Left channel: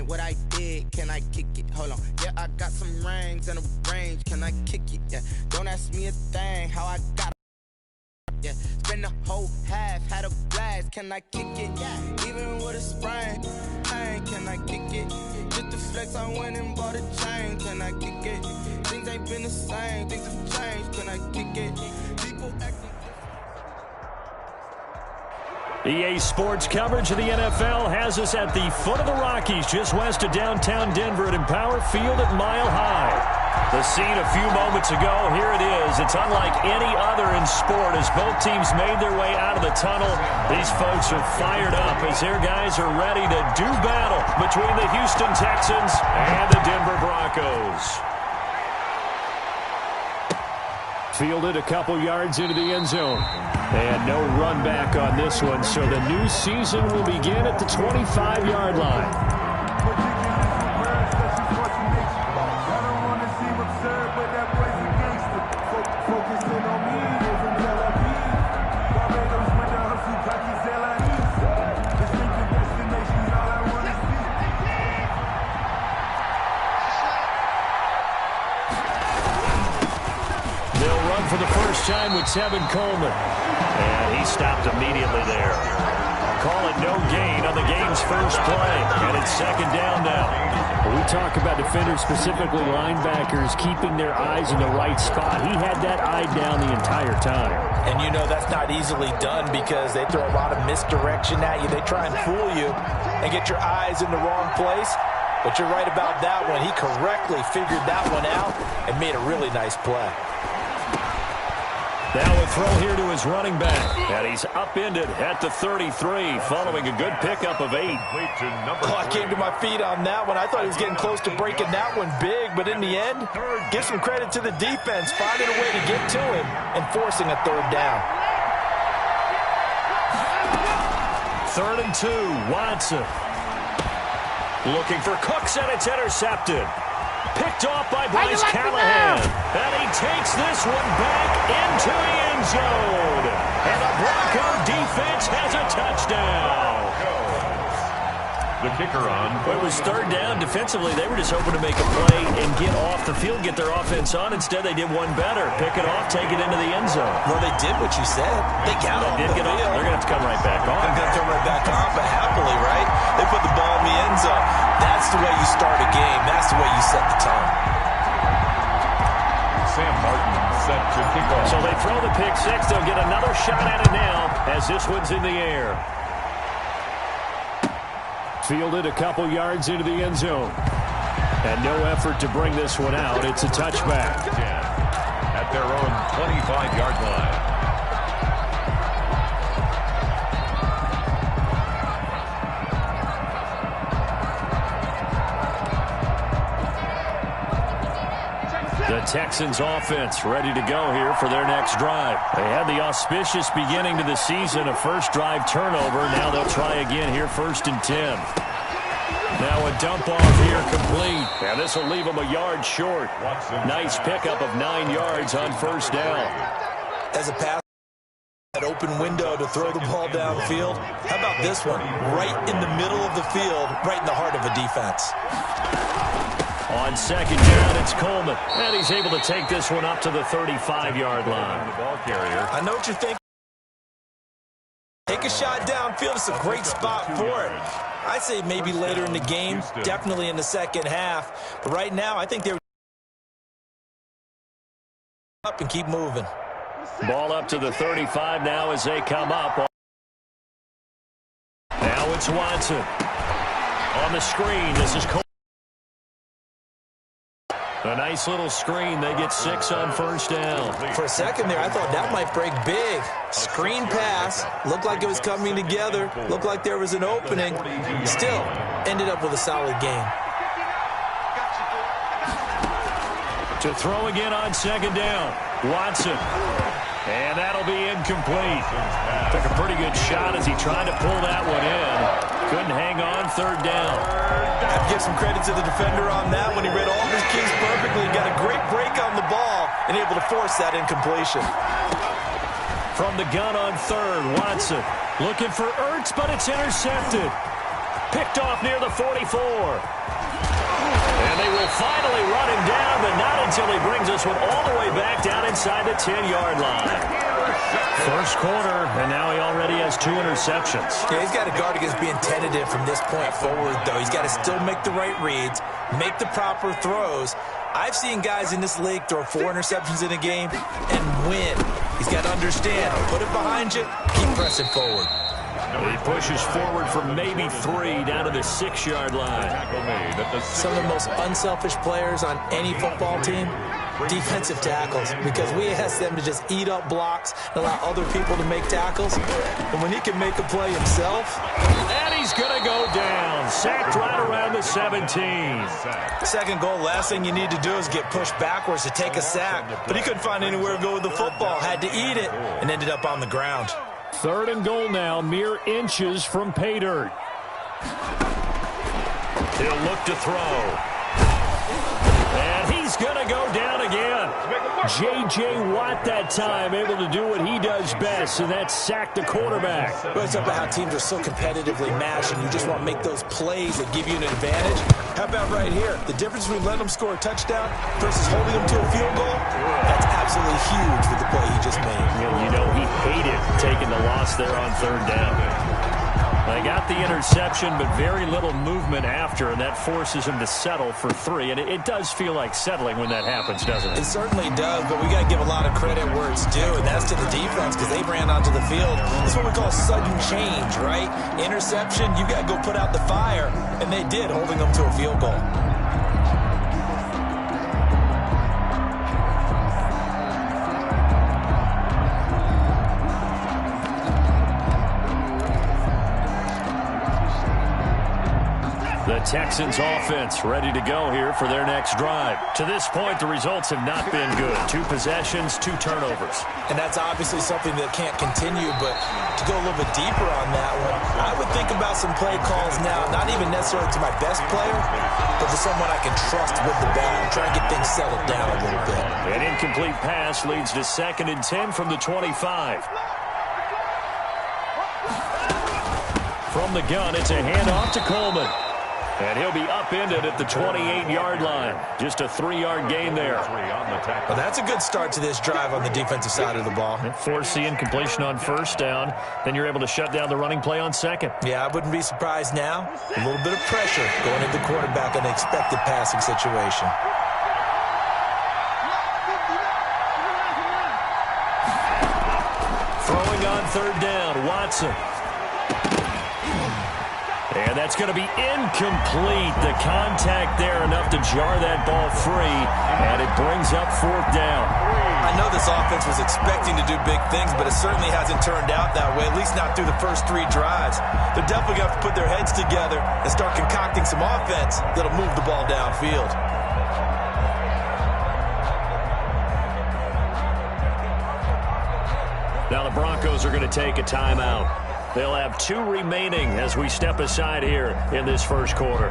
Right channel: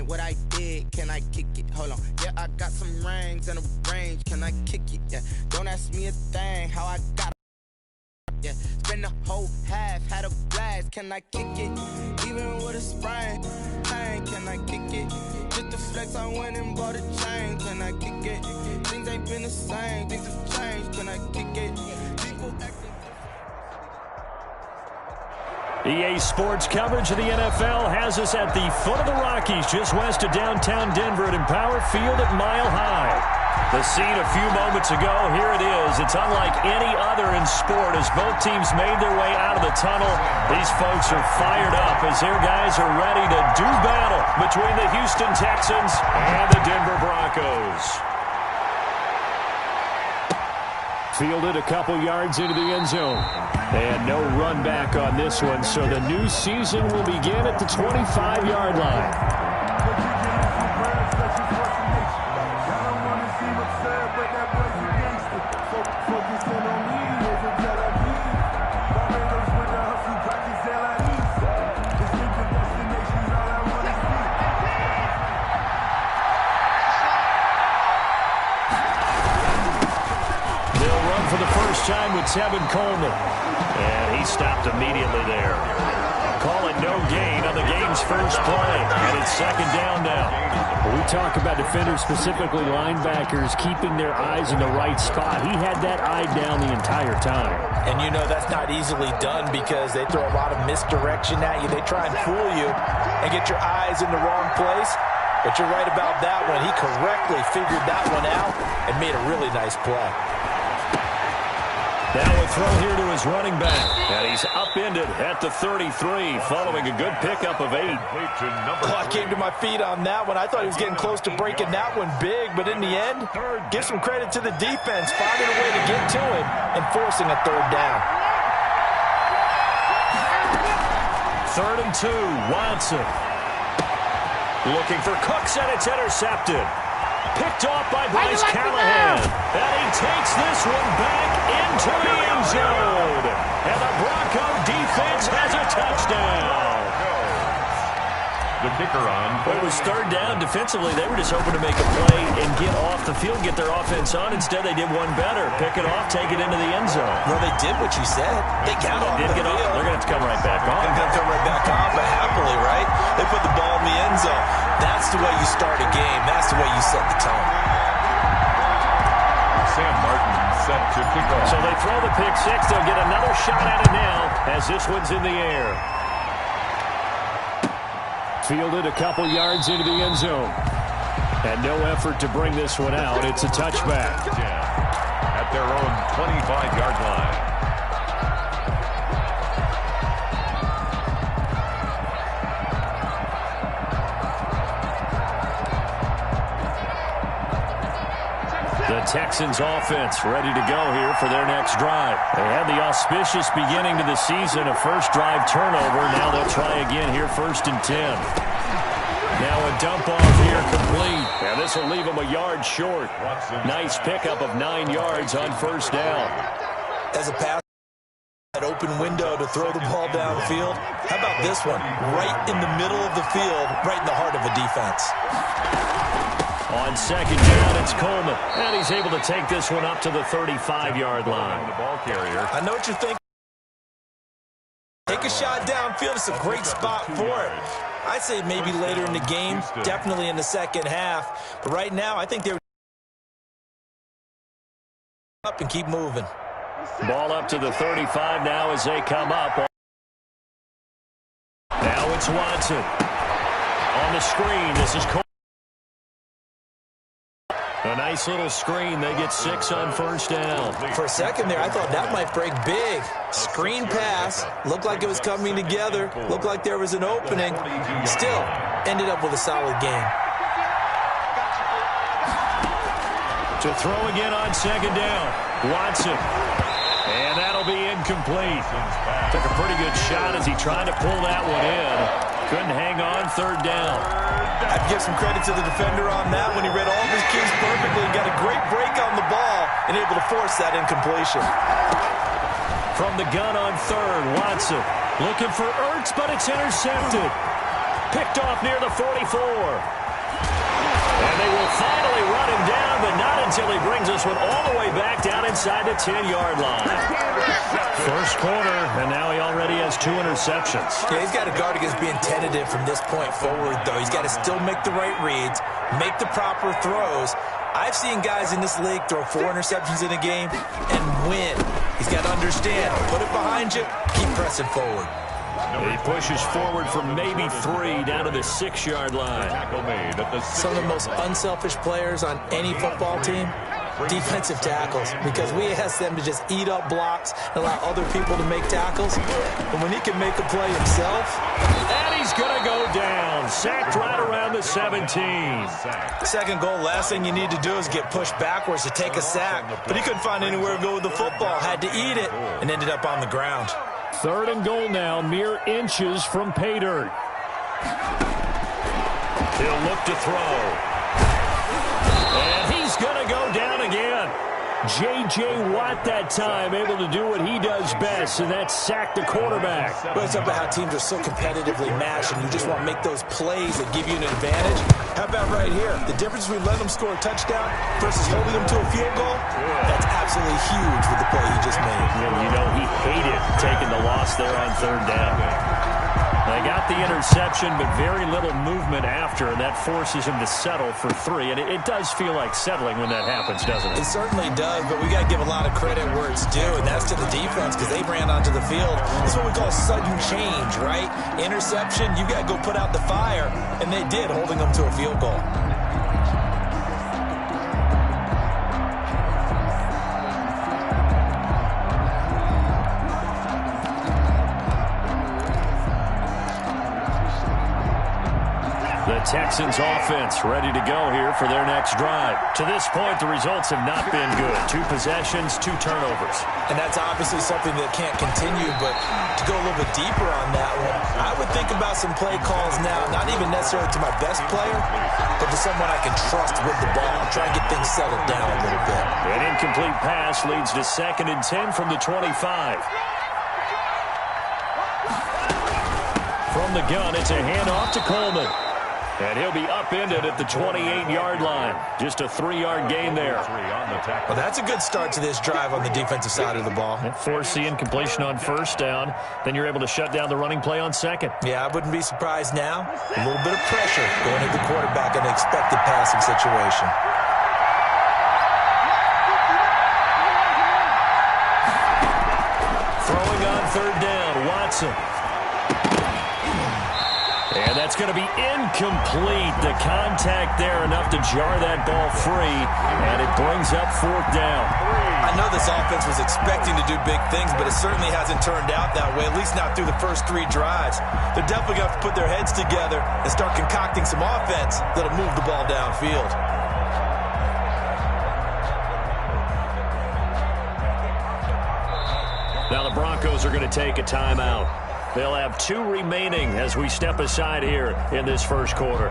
ain't what I did. Can I kick it? Hold on. Yeah, I got some rings and a range. Can I kick it? Yeah. Don't ask me a thing. How I got. Yeah. Spend the whole half. Had a blast. Can I kick it? Even with a sprain. Pain. Can I kick it? Just to flex, I went and bought a chain. Can I kick it? Things ain't been the same. Things have changed. Can I kick it? People acting. EA Sports coverage of the NFL has us at the foot of the Rockies, just west of downtown Denver at Empower Field at Mile High. The scene a few moments ago, here it is. It's unlike any other in sport as both teams made their way out of the tunnel. These folks are fired up as their guys are ready to do battle between the Houston Texans and the Denver Broncos. Fielded a couple yards into the end zone. And no run back on this one, so the new season will begin at the 25-yard line. For the first time with Tevin Coleman. And he stopped immediately there. Call it no gain on the game's first play. And it's second down now. When we talk about defenders, specifically linebackers, keeping their eyes in the right spot. He had that eye down the entire time. And you know that's not easily done because they throw a lot of misdirection at you. They try and fool you and get your eyes in the wrong place. But you're right about that one. He correctly figured that one out and made a really nice play. Now a throw here to his running back. And he's upended at the 33 following a good pickup of 8. I came to my feet on that one. I thought he was getting close to breaking that one big, but in the end, give some credit to the defense, finding a way to get to him and forcing a third down. 3rd and 2, Watson. Looking for Cooks, and it's intercepted. Picked off by Bryce Callahan. And he takes this one back into the end zone. And the Bronco defense has a touchdown. The kicker on. Well, it was 3rd down. Defensively, they were just hoping to make a play and get off the field, get their offense on. Instead, they did one better. Pick it off, take it into the end zone. Well, they did what you said. They got off the field. They're going to have to come right back on. They're going to come right back on, but happily, right? They put the ball in the end zone. That's the way you start a game. That's the way you set the tone. Sam Martin set to kick off. So they throw the pick six. They'll get another shot at it now as this one's in the air. Fielded a couple yards into the end zone. And no effort to bring this one out. It's a touchback. At their own 25-yard line. The Texans offense ready to go here for their next drive. They had the auspicious beginning to the season, a first drive turnover. Now they'll try again here, 1st and 10. Now a dump off here complete. And this will leave them a yard short. Nice pickup of 9 yards on 1st down. As a pass, that open window to throw the ball downfield. How about this one? Right in the middle of the field, right in the heart of a defense. On 2nd down, it's Coleman. And he's able to take this one up to the 35-yard line. The ball carrier. I know what you're thinking. Take a shot downfield. It's a great spot for it. I'd say maybe later in the game, definitely in the second half. But right now, I think they're up and keep moving. Ball up to the 35 now as they come up. Now it's Watson. On the screen, this is Coleman. A nice little screen. They get 6 on 1st down. For a second there, I thought that might break big. Screen pass. Looked like it was coming together. Looked like there was an opening. Still, ended up with a solid game. To throw again on 2nd down. Watson. And that'll be incomplete. Took a pretty good shot as he tried to pull that one in. Couldn't hang on, 3rd down. I have to give some credit to the defender on that when he read all of his keys perfectly. Got a great break on the ball and able to force that incompletion. From the gun on 3rd, Watson looking for Ertz, but it's intercepted. Picked off near the 44. And they will finally run him down, but not until he brings this one all the way back down inside the 10-yard line. First quarter, and now he already has 2 interceptions. Yeah, he's got to guard against being tentative from this point forward, though. He's got to still make the right reads, make the proper throws. I've seen guys in this league throw 4 interceptions in a game and win. He's got to understand, put it behind you, keep pressing forward. He pushes forward for maybe 3 down to the 6-yard line. Some of the most unselfish players on any football team, defensive tackles, because we ask them to just eat up blocks and allow other people to make tackles. And when he can make a play himself. And he's going to go down. Sacked right around the 17. Second goal, last thing you need to do is get pushed backwards to take a sack. But he couldn't find anywhere to go with the football, had to eat it, and ended up on the ground. 3rd and goal now, mere inches from pay dirt. He'll look to throw. And he's going to go down again. J.J. Watt that time able to do what he does best, and that's sack the quarterback. Well, it's about how teams are so competitively matched, and you just want to make those plays that give you an advantage. How about right here? The difference between letting them score a touchdown versus holding them to a field goal, that's absolutely huge with the play he just made. Yeah, you know, he hated taking the loss there on 3rd down. They got the interception, but very little movement after, and that forces him to settle for 3. And it does feel like settling when that happens, doesn't it? It certainly does, but we got to give a lot of credit where it's due, and that's to the defense because they ran onto the field. This is what we call sudden change, right? Interception, you got to go put out the fire, and they did, holding them to a field goal. The Texans offense ready to go here for their next drive. To this point, the results have not been good. 2 possessions, 2 turnovers. And that's obviously something that can't continue, but to go a little bit deeper on that one, I would think about some play calls now, not even necessarily to my best player, but to someone I can trust with the ball. Try and get things settled down a little bit. An incomplete pass leads to 2nd and 10 from the 25. From the gun, it's a handoff to Coleman. And he'll be upended at the 28-yard line. Just a 3-yard gain there. Well, that's a good start to this drive on the defensive side of the ball. Force the incompletion on 1st down. Then you're able to shut down the running play on 2nd. Yeah, I wouldn't be surprised now. A little bit of pressure going at the quarterback in an expected passing situation. Throwing on 3rd down, Watson. And that's going to be incomplete. The contact there enough to jar that ball free, and it brings up 4th down. I know this offense was expecting to do big things, but it certainly hasn't turned out that way, at least not through the first 3 drives. They're definitely going to have to put their heads together and start concocting some offense that'll move the ball downfield. Now the Broncos are going to take a timeout. They'll have 2 remaining as we step aside here in this first quarter.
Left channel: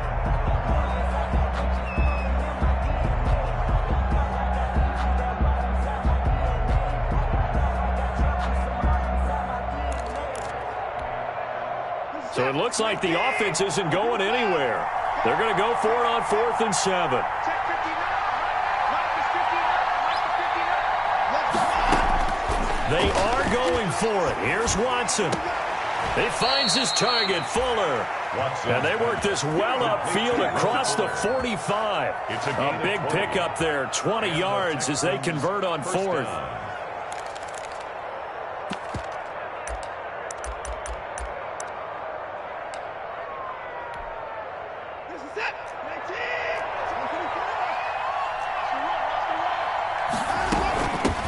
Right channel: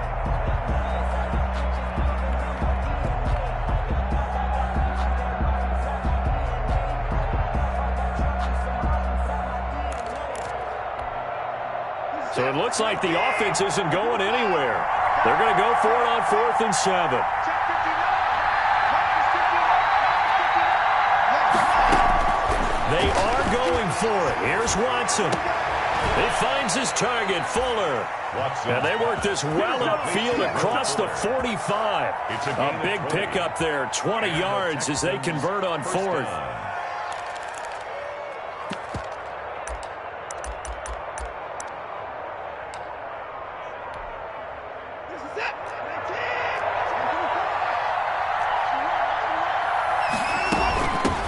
So it looks like the offense isn't going anywhere. They're going to go for it on 4th and 7. They are going for it. Here's Watson. He finds his target, Fuller. And they work this well upfield across the 45. A big pickup there, 20 yards as they convert on 4th.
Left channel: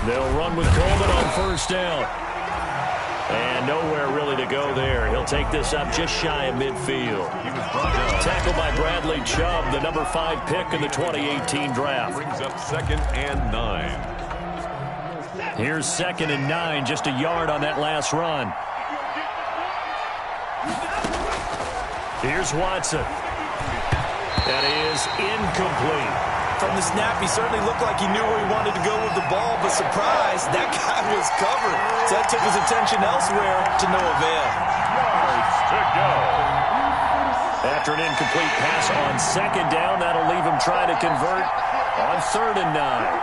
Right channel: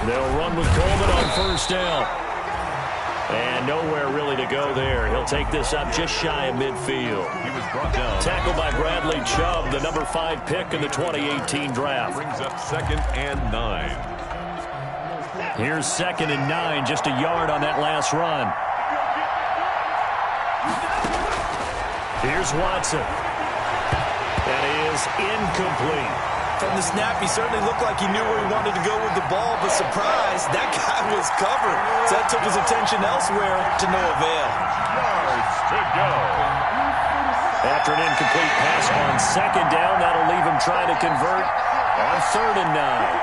They'll run with Coleman on 1st down. And nowhere really to go there. He'll take this up just shy of midfield. He was brought down. Tackled by Bradley Chubb, the number 5 pick in the 2018 draft. Brings up 2nd and 9. Here's 2nd and 9, just a yard on that last run. Here's Watson. That is incomplete. From the snap, he certainly looked like he knew where he wanted to go with the ball, but surprise, that guy was covered. So that took his attention elsewhere to no avail. Yards to go. After an incomplete pass on second down, that'll leave him trying to convert on 3rd and 9.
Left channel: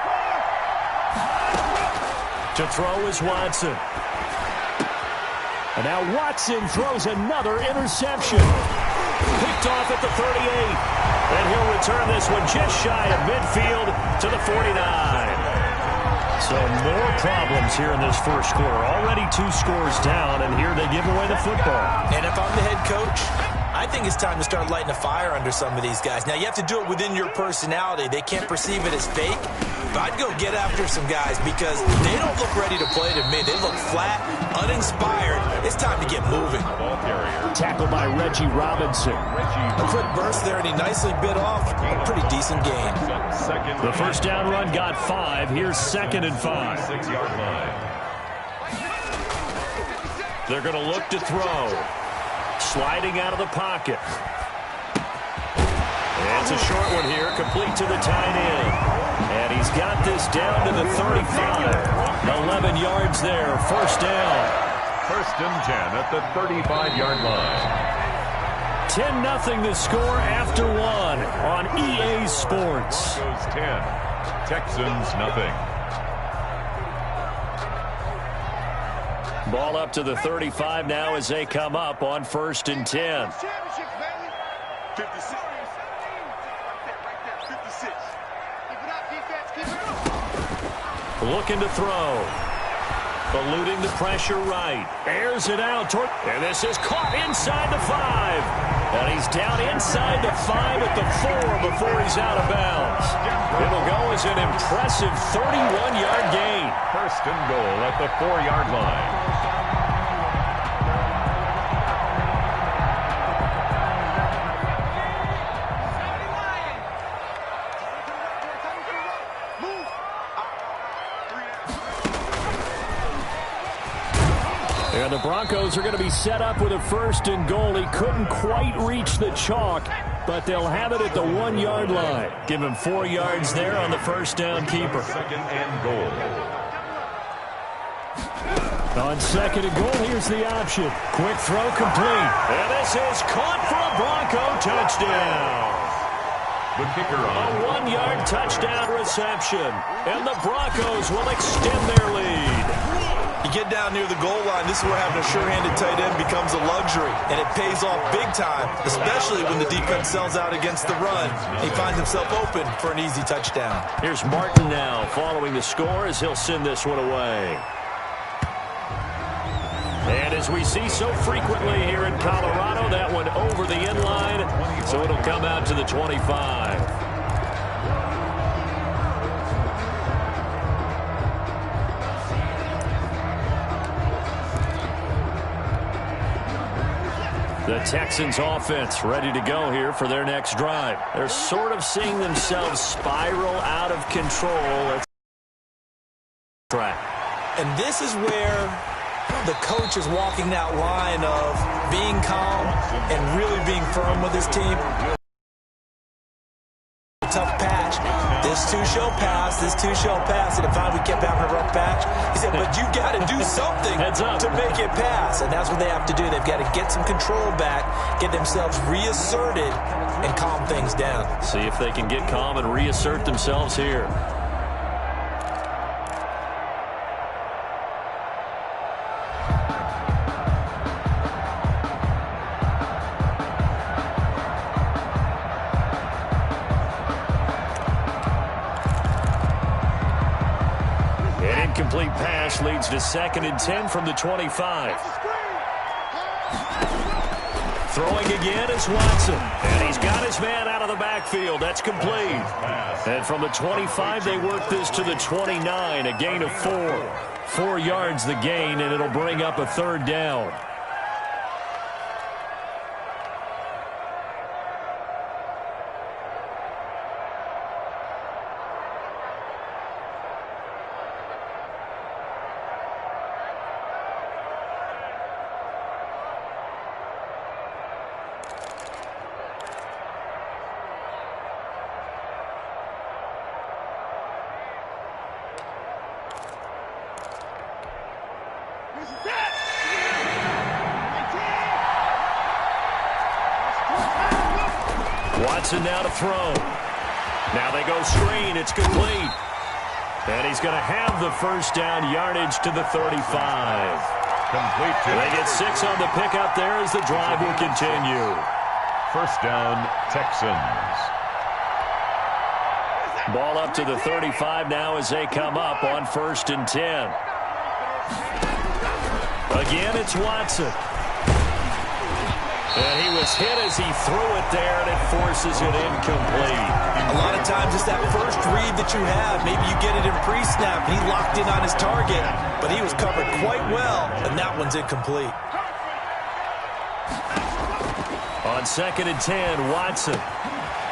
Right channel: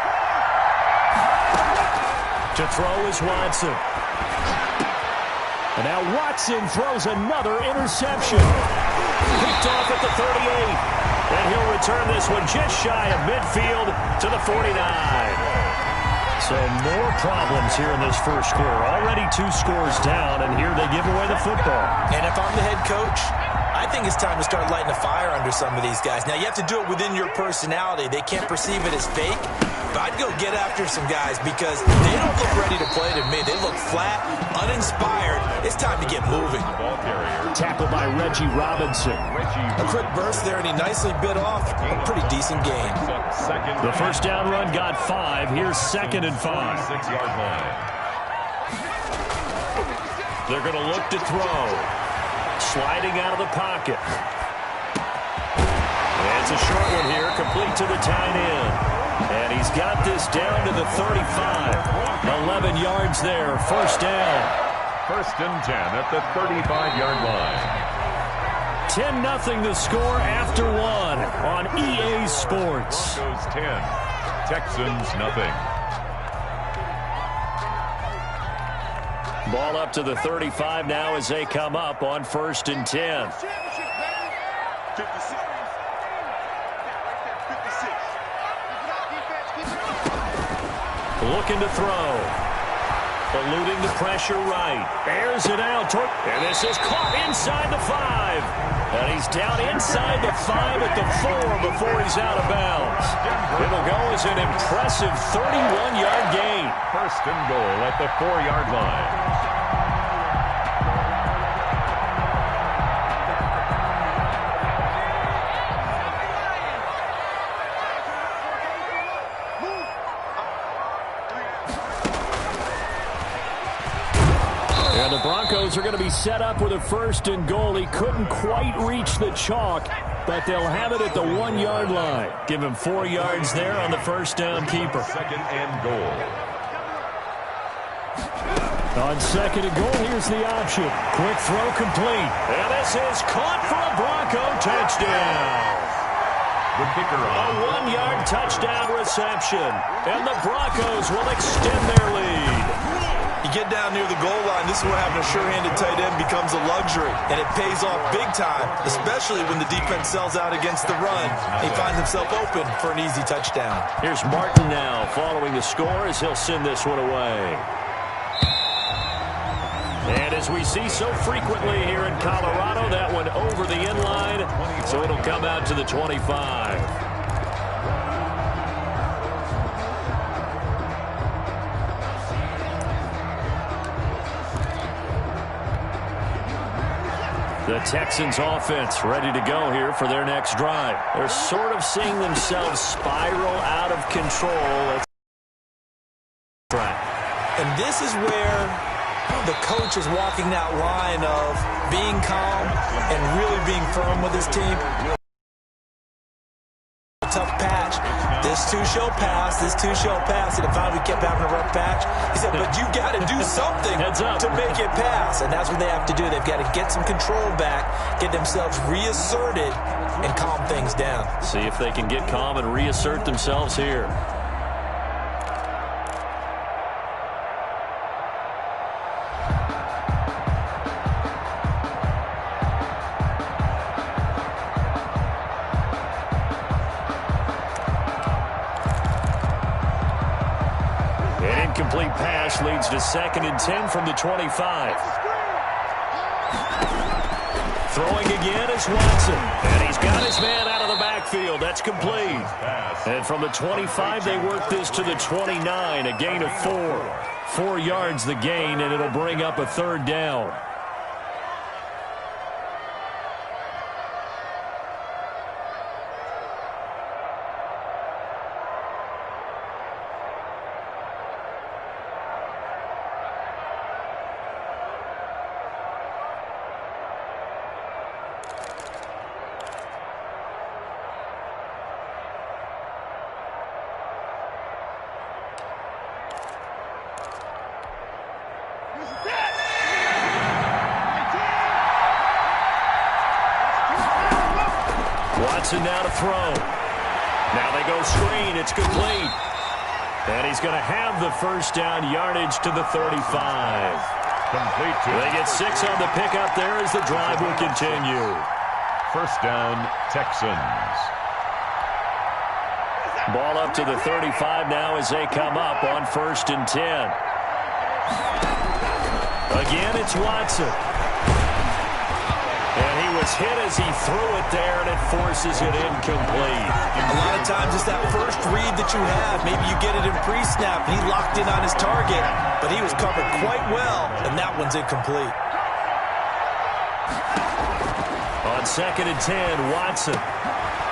To throw is Watson. And now Watson throws another interception. Picked off at the 38. And he'll return this one just shy of midfield to the 49. So more problems here in this first quarter. Already 2 scores down, and here they give away the football. And if I'm the head coach, I think it's time to start lighting a fire under some of these guys. Now, you have to do it within your personality. They can't perceive it as fake. But I'd go get after some guys because they don't look ready to play to me. They look flat, uninspired. It's time to get moving. Tackled by Reggie Robinson. A quick burst there, and he nicely bit off a pretty decent gain. The first down run got 5. Here's 2nd and 5. 6-yard line. They're going to look to throw. Sliding out of the pocket. And it's a short one here, complete to the tight end. And he's got this down to the 35. 11 yards there, first down. 1st and 10 at the 35-yard line. 10-0 the score after 1 on EA Sports. Broncos 10, Texans nothing. Ball up to the 35 now as they come up on 1st and 10. 56. Looking to throw. Eluding the pressure right. Airs it out. And this is caught inside the 5. And he's down inside the 5 at the 4 before he's out of bounds. It'll go as an impressive 31-yard gain. 1st and goal at the 4-yard line. And the Broncos are going to be set up with a 1st and goal. He couldn't quite reach the chalk, but they'll have it at the 1-yard line. Give him 4 yards there on the first down keeper. 2nd and goal. On 2nd and goal, here's the option. Quick throw complete. And this is caught for a Bronco touchdown. The kicker on. A 1-yard touchdown reception. And the Broncos will extend their lead. You get down near the goal line, this is where having a sure-handed tight end becomes a luxury, and it pays off big time, especially when the defense sells out against the run. He finds himself open for an easy touchdown. Here's Martin now following the score as he'll send this one away. And as we see so frequently here in Colorado, that one over the end line, so it'll come out to the 25. The Texans offense ready to go here for their next drive. They're sort of seeing themselves spiral out of control. Let's try. And this is where the coach is walking that line of being calm and really being firm with his team. Tough patch. This too shall pass. This too shall pass. And finally we kept having a rough patch. He said, but you got to do something to make it pass. And that's what they have to do. They've got to get some control back, get themselves reasserted, and calm things down. See if they can get calm and reassert themselves here. Incomplete pass leads to 2nd and 10 from the 25. Throwing again is Watson. And he's got his man out of the backfield. That's complete. And from the 25, they work this to the 29, a gain of 4. 4 yards the gain, and it'll bring up a 3rd down. Watson now to throw. Now they go screen. It's complete. And he's going to have the first down, yardage to the 35. Complete to They get 6 on the pickup there as the drive will continue. First down, Texans. Ball up to the 35 now as they come up on 1st and 10. Again, it's Watson. And he was hit as he threw it there, and it forces it incomplete. A lot of times it's that first read that you have. Maybe you get it in pre-snap, and he locked in on his target, but he was covered quite well, and that one's incomplete. On 2nd and 10, Watson.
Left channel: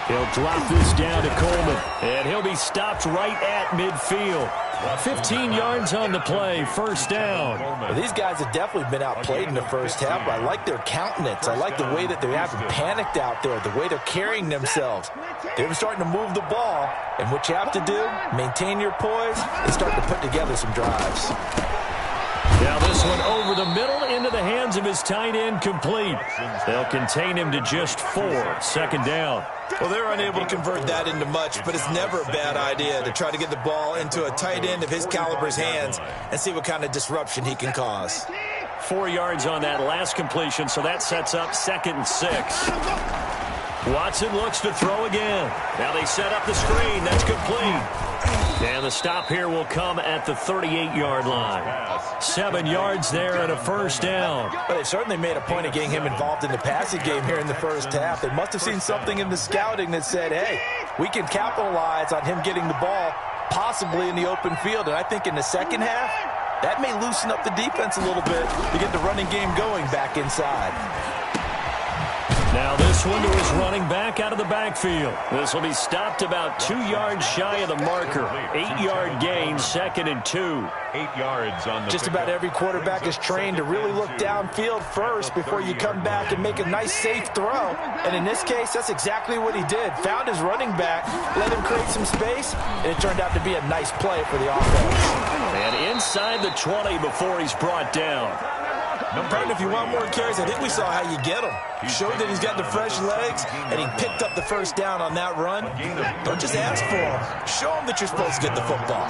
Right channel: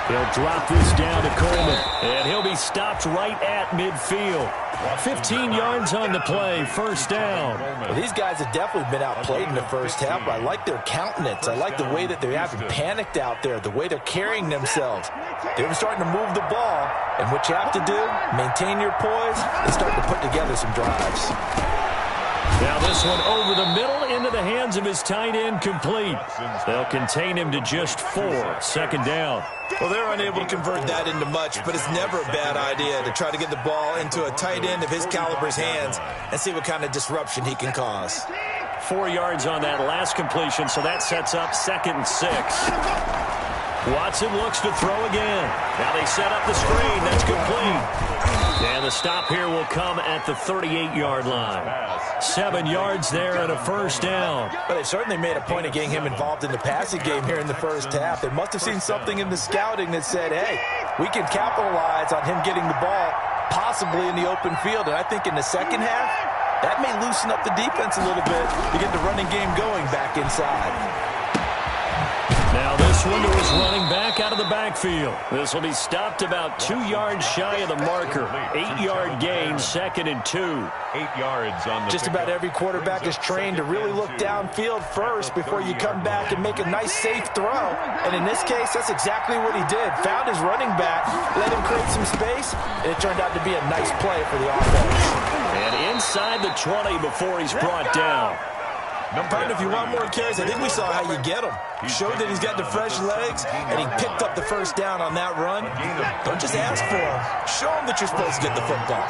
He'll drop this down to Coleman, and he'll be stopped right at midfield. 15 yards on the play, first down. Well, these guys have definitely been outplayed in the first half, but I like their countenance. I like the way that they haven't panicked out there, the way they're carrying themselves. They're starting to move the ball, and what you have to do, maintain your poise and start to put together some drives. Now this one over the middle into the hands of his tight end, complete. They'll contain him to just 4, 2nd down. Well, they're unable to convert that into much, but it's never a bad idea to try to get the ball into a tight end of his caliber's hands and see what kind of disruption he can cause. 4 yards on that last completion, so that sets up 2nd and 6. Watson looks to throw again. Now they set up the screen. That's complete. And the stop here will come at the 38-yard line. 7 yards there and a first down. But they certainly made a point of getting him involved in the passing game here in the first half. They must have seen something in the scouting that said, hey, we can capitalize on him getting the ball possibly in the open field. And I think in the second half, that may loosen up the defense a little bit to get the running game going back inside. Now this one to his running back out of the backfield. This will be stopped about 2 yards shy of the marker. 8-yard gain, 2nd and 2. 8 yards on the Just about every quarterback is trained to really look downfield first before you come back and make a nice, safe throw. And in this case, that's exactly what he did. Found his running back, let him create some space, and it turned out to be a nice play for the offense. And inside the 20 before he's brought down. Partner, if you want more carries, I think we saw how you get him. Showed that he's got the fresh legs, and he picked up the first down on that run. Don't just ask for him. Show him that you're supposed to get the football.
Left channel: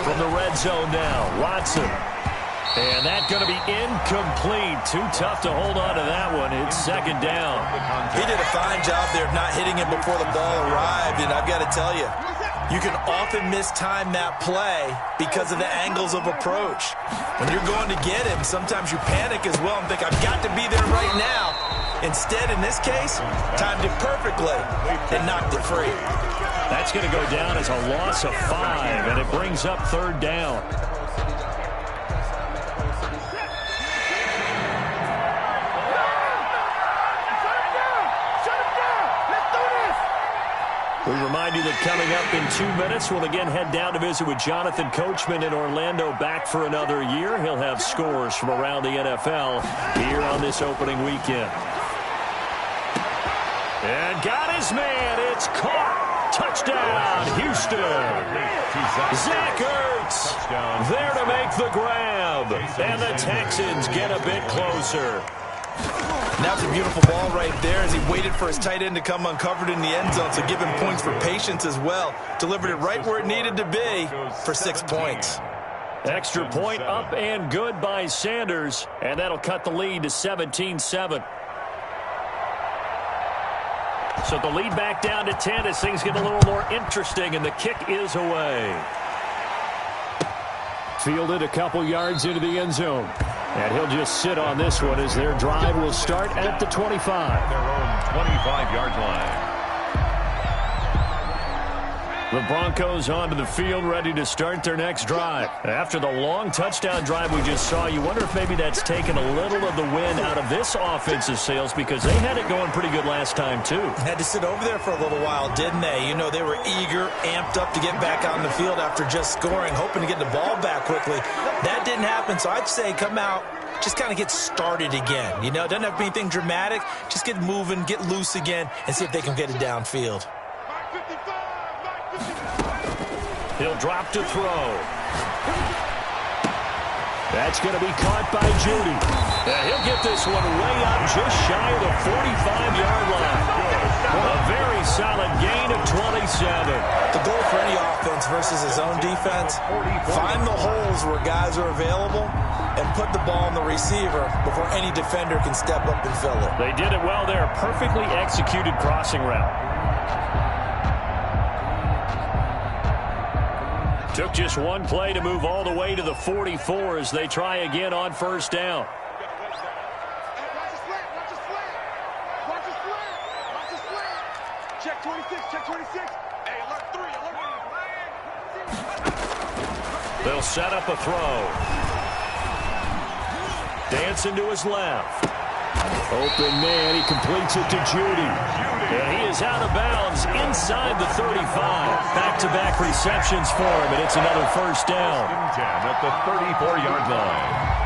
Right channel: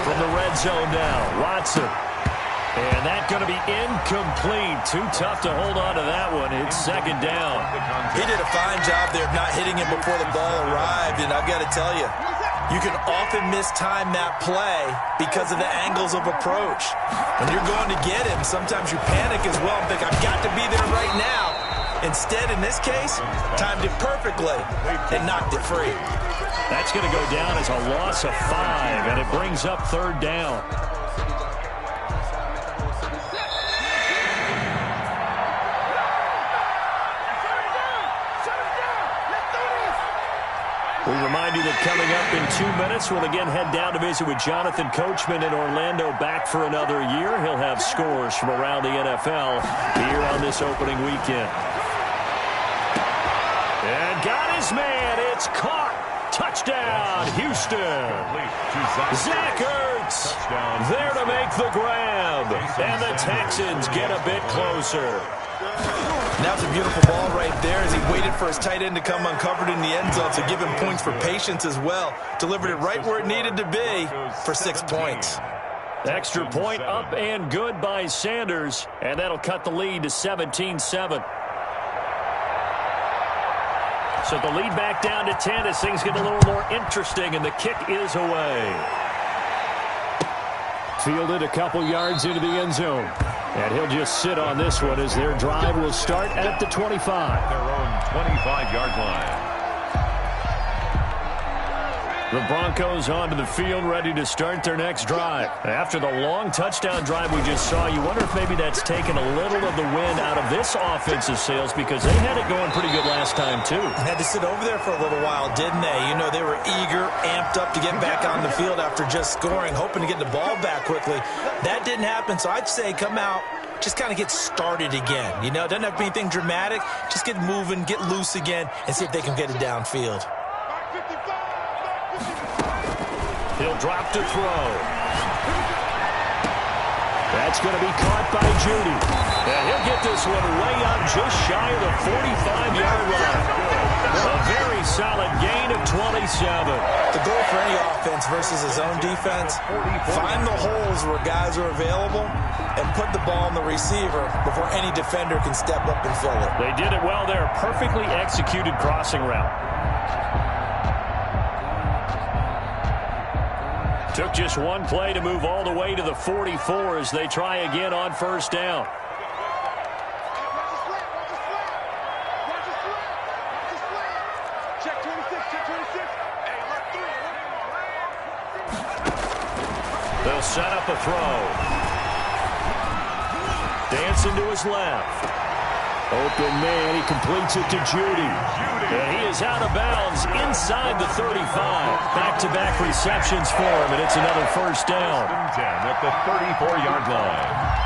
From the red zone now, Watson. And that's going to be incomplete. Too tough to hold on to that one. It's 2nd down. He did a fine job there of not hitting him before the ball arrived, and I've got to tell you, you can often mistime that play because of the angles of approach. When you're going to get him, sometimes you panic as well and think, I've got to be there right now. Instead, in this case, timed it perfectly and knocked it free. That's going to go down as a loss of 5, and it brings up 3rd down. We remind you that coming up in 2 minutes, we'll again head down to visit with Jonathan Coachman in Orlando, back for another year. He'll have scores from around the NFL here on this opening weekend. And got his man. It's caught. Touchdown, Houston. Zach Ertz there to make the grab. And the Texans get a bit closer. Now it's a beautiful ball right there as he waited for his tight end to come uncovered in the end zone, so give him points for patience as well. Delivered it right where it needed to be for 6 points. Extra point up and good by Sanders, and that'll cut the lead to 17-7. So the lead back down to 10 as things get a little more interesting, and the kick is away. Fielded a couple yards into the end zone. And he'll just sit on this one as their drive will start at the 25. Their own 25-yard line. The Broncos onto the field, ready to start their next drive. After the long touchdown drive we just saw, you wonder if maybe that's taken a little of the wind out of this offensive sails, because they had it going pretty good last time, too. Had to sit over there for a little while, didn't they? You know, they were eager, amped up to get back on the field after just scoring, hoping to get the ball back quickly. That didn't happen, so I'd say come out, just kind of get started again. You know, it doesn't have to be anything dramatic. Just get moving, get loose again, and see if they can get it downfield. He'll drop to throw. That's going to be caught by Judy. And he'll get this one way up just shy of the 45-yard line. A very solid gain of 27. The goal for any offense versus his own defense, find the holes where guys are available and put the ball on the receiver before any defender can step up and fill it. They did it well there. Perfectly executed crossing route. Took just one play to move all the way to the 44 as they try again on first down. Check 26, check 26. Hey, alert 3, alert. They'll set up a throw. Dancing to his left. Open man, he completes it to Judy. And he is out of bounds inside the 35. Back-to-back receptions for him, and it's another first down. 10 at the 34-yard line.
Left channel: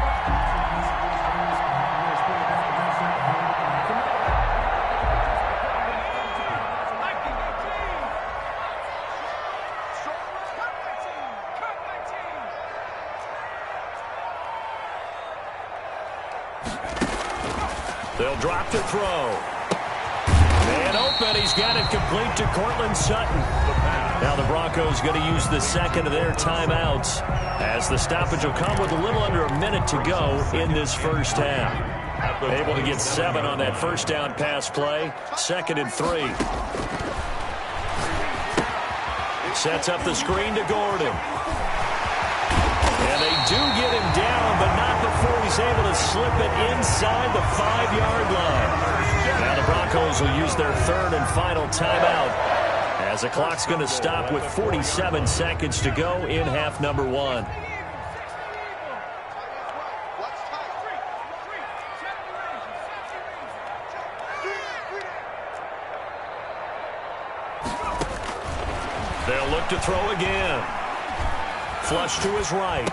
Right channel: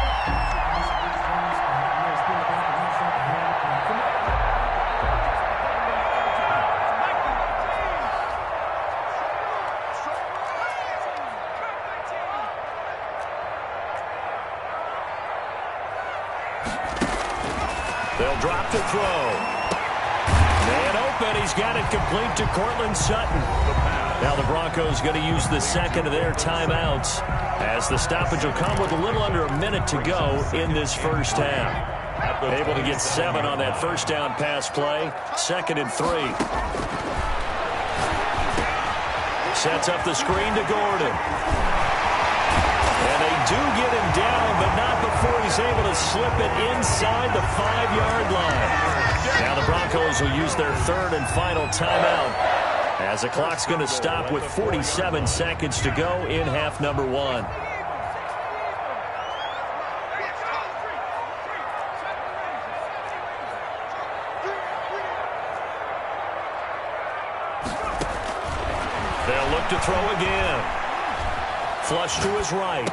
They'll drop to throw. Man open. He's got it complete to Cortland Sutton. Now the Broncos going to use the second of their timeouts as the stoppage will come with a little under a minute to go in this first half. Able to get 7 on that first down pass play. 2nd and 3. Sets up the screen to Gordon. And they do get him down, but not before he's able to slip it inside the 5-yard line. Now the Broncos will use their 3rd and final timeout as the clock's going to stop with 47 seconds to go in half number 1. They'll look to throw again. Flush to his right.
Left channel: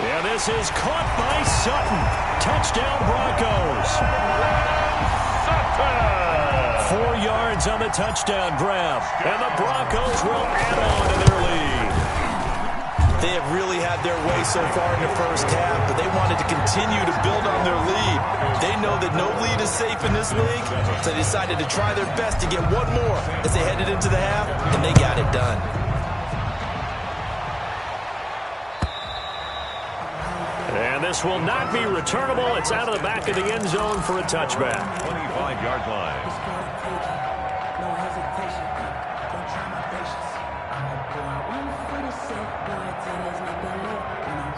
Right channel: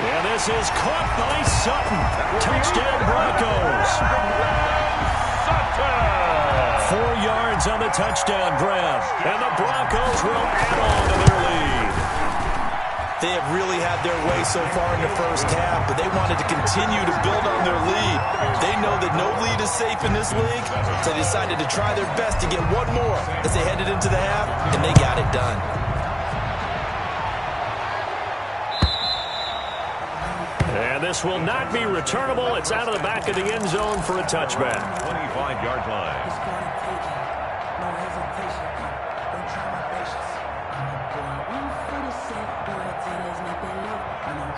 And this is caught by Sutton. Touchdown Broncos. Sutton! 4 yards on the touchdown grab. And the Broncos will add on to their lead. They have really had their way so far in the first half, but they wanted to continue to build on their lead. They know that no lead is safe in this league, so they decided to try their best to get one more as they headed into the half, and they got it done. And this will not be returnable. It's out of the back of the end zone for a touchback. 25-yard line. No hesitation. Don't try my patience. I'm a boy. I run for the safe boy. Till there's nothing left. And I'm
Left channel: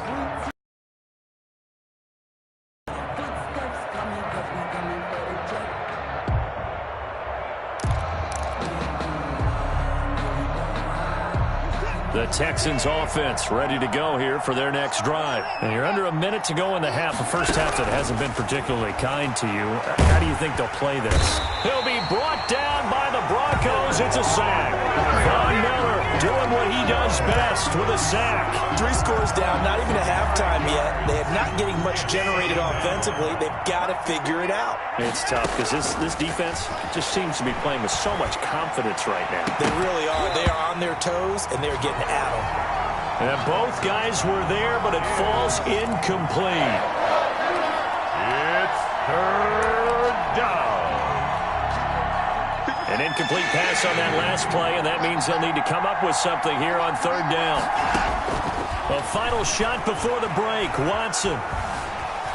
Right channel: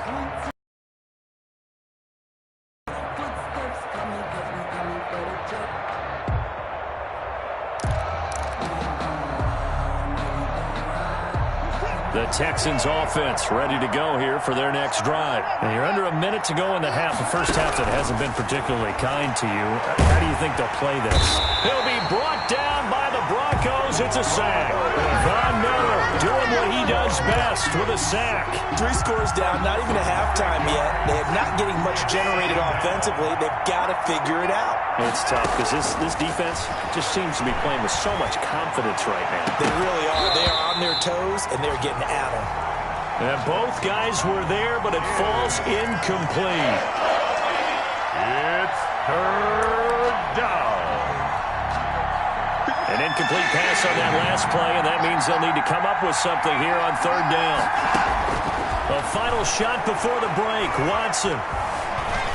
footsteps coming, cause we coming for the jet. The Texans offense ready to go here for their next drive. And you're under a minute to go in the half. The first half that hasn't been particularly kind to you. How do you think they'll play this? He'll be brought down by the Broncos. It's a sack. Von Miller doing what he does best with a sack. 3 scores down, not even a halftime yet. They are not getting much generated offensively. They've got to figure it out. It's tough because this defense just seems to be playing with so much confidence right now. They really are. They are on their toes, and they're getting at them. And both guys were there, but it falls incomplete. It's 3rd down. An incomplete pass on that last play, and that means they'll need to come up with something here on 3rd down. A final shot before the break. Watson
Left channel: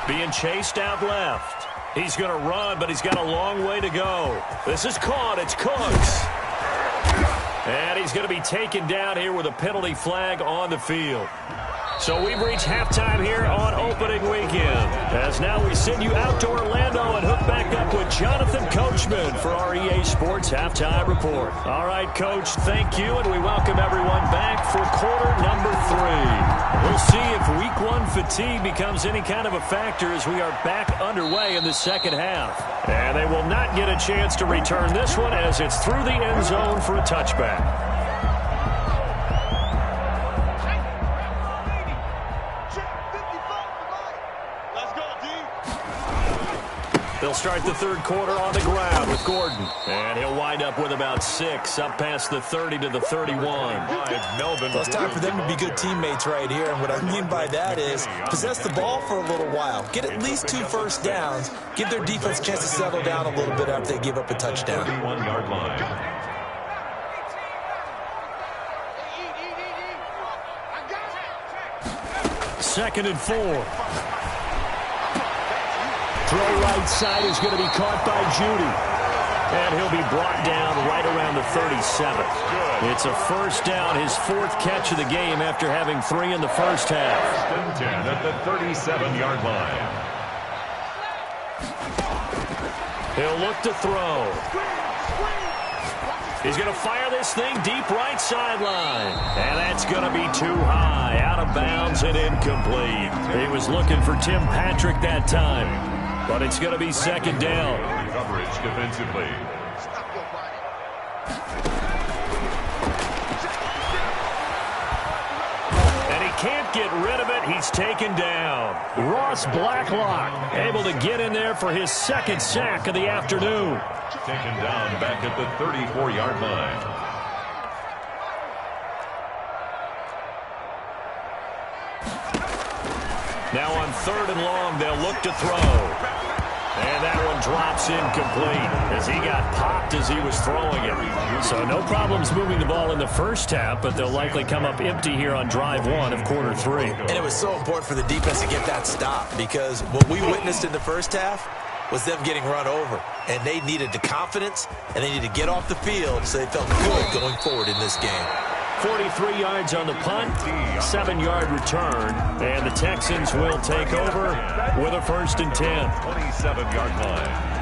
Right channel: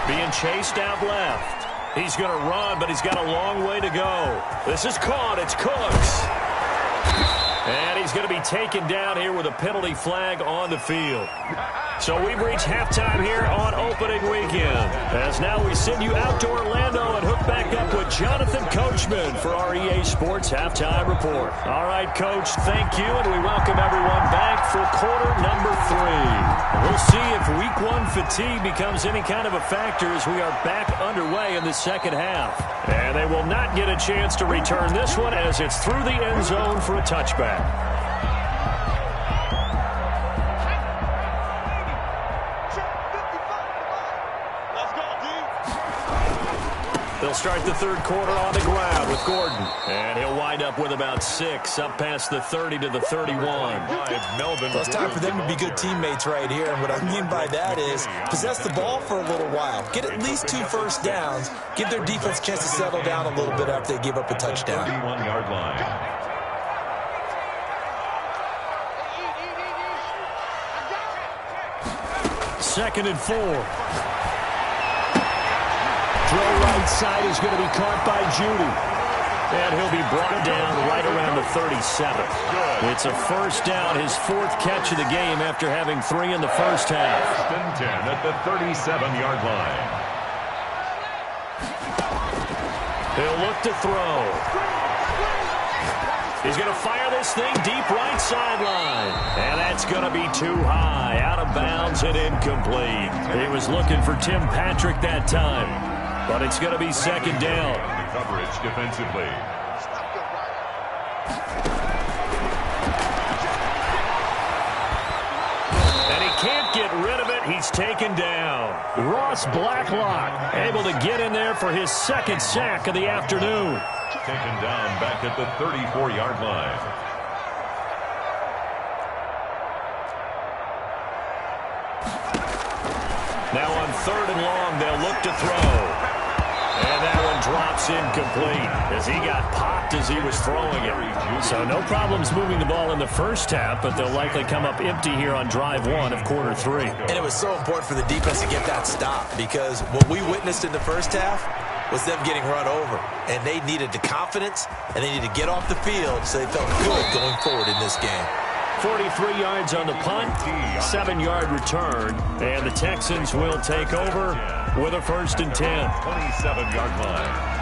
being chased out left. He's going to run, but he's got a long way to go. This is caught. It's Cooks. And he's going to be taken down here with a penalty flag on the field. So we've reached halftime here on opening weekend. As now we send you out to Orlando and hook back up with Jonathan Coachman for our EA Sports Halftime Report. All right, Coach, thank you, and we welcome everyone back for quarter number 3. We'll see if Week 1 fatigue becomes any kind of a factor as we are back underway in the second half. And they will not get a chance to return this one as it's through the end zone for a touchback. They'll start the third quarter on the ground with Gordon. And he'll wind up with about 6, up past the 30 to the 31. Well, it's time for them to be good teammates right here. And what I mean by that is possess the ball for a little while. Get at least 2 first downs. Give their defense a chance to settle down a little bit after they give up a touchdown. 31-yard line. Second and 4. Throw right side is going to be caught by Judy. And he'll be brought down right around the 37. It's a first down, his 4th catch of the game after having 3 in the first half. First and 10 at the 37-yard line. He'll look to throw. He's going to fire this thing deep right sideline. And that's going to be too high. Out of bounds and incomplete. He was looking for Tim Patrick that time. But it's going to be second down. Coverage defensively. And he can't get rid of it. He's taken down. Ross Blacklock able to get in there for his 2nd sack of the afternoon. Taken down back at the 34-yard line. Now on 3rd and long, they'll look to throw. And that one drops incomplete as he got popped as he was throwing it. So no problems moving the ball in the first half, but they'll likely come up empty here on drive 1 of quarter 3. And it was so important for the defense to get that stop because what we witnessed in the first half was them getting run over. And they needed the confidence, and they needed to get off the field so they felt good going forward in this game. 43 yards on the punt, 7-yard return, and the Texans will take over with a 1st and 10. 27-yard line.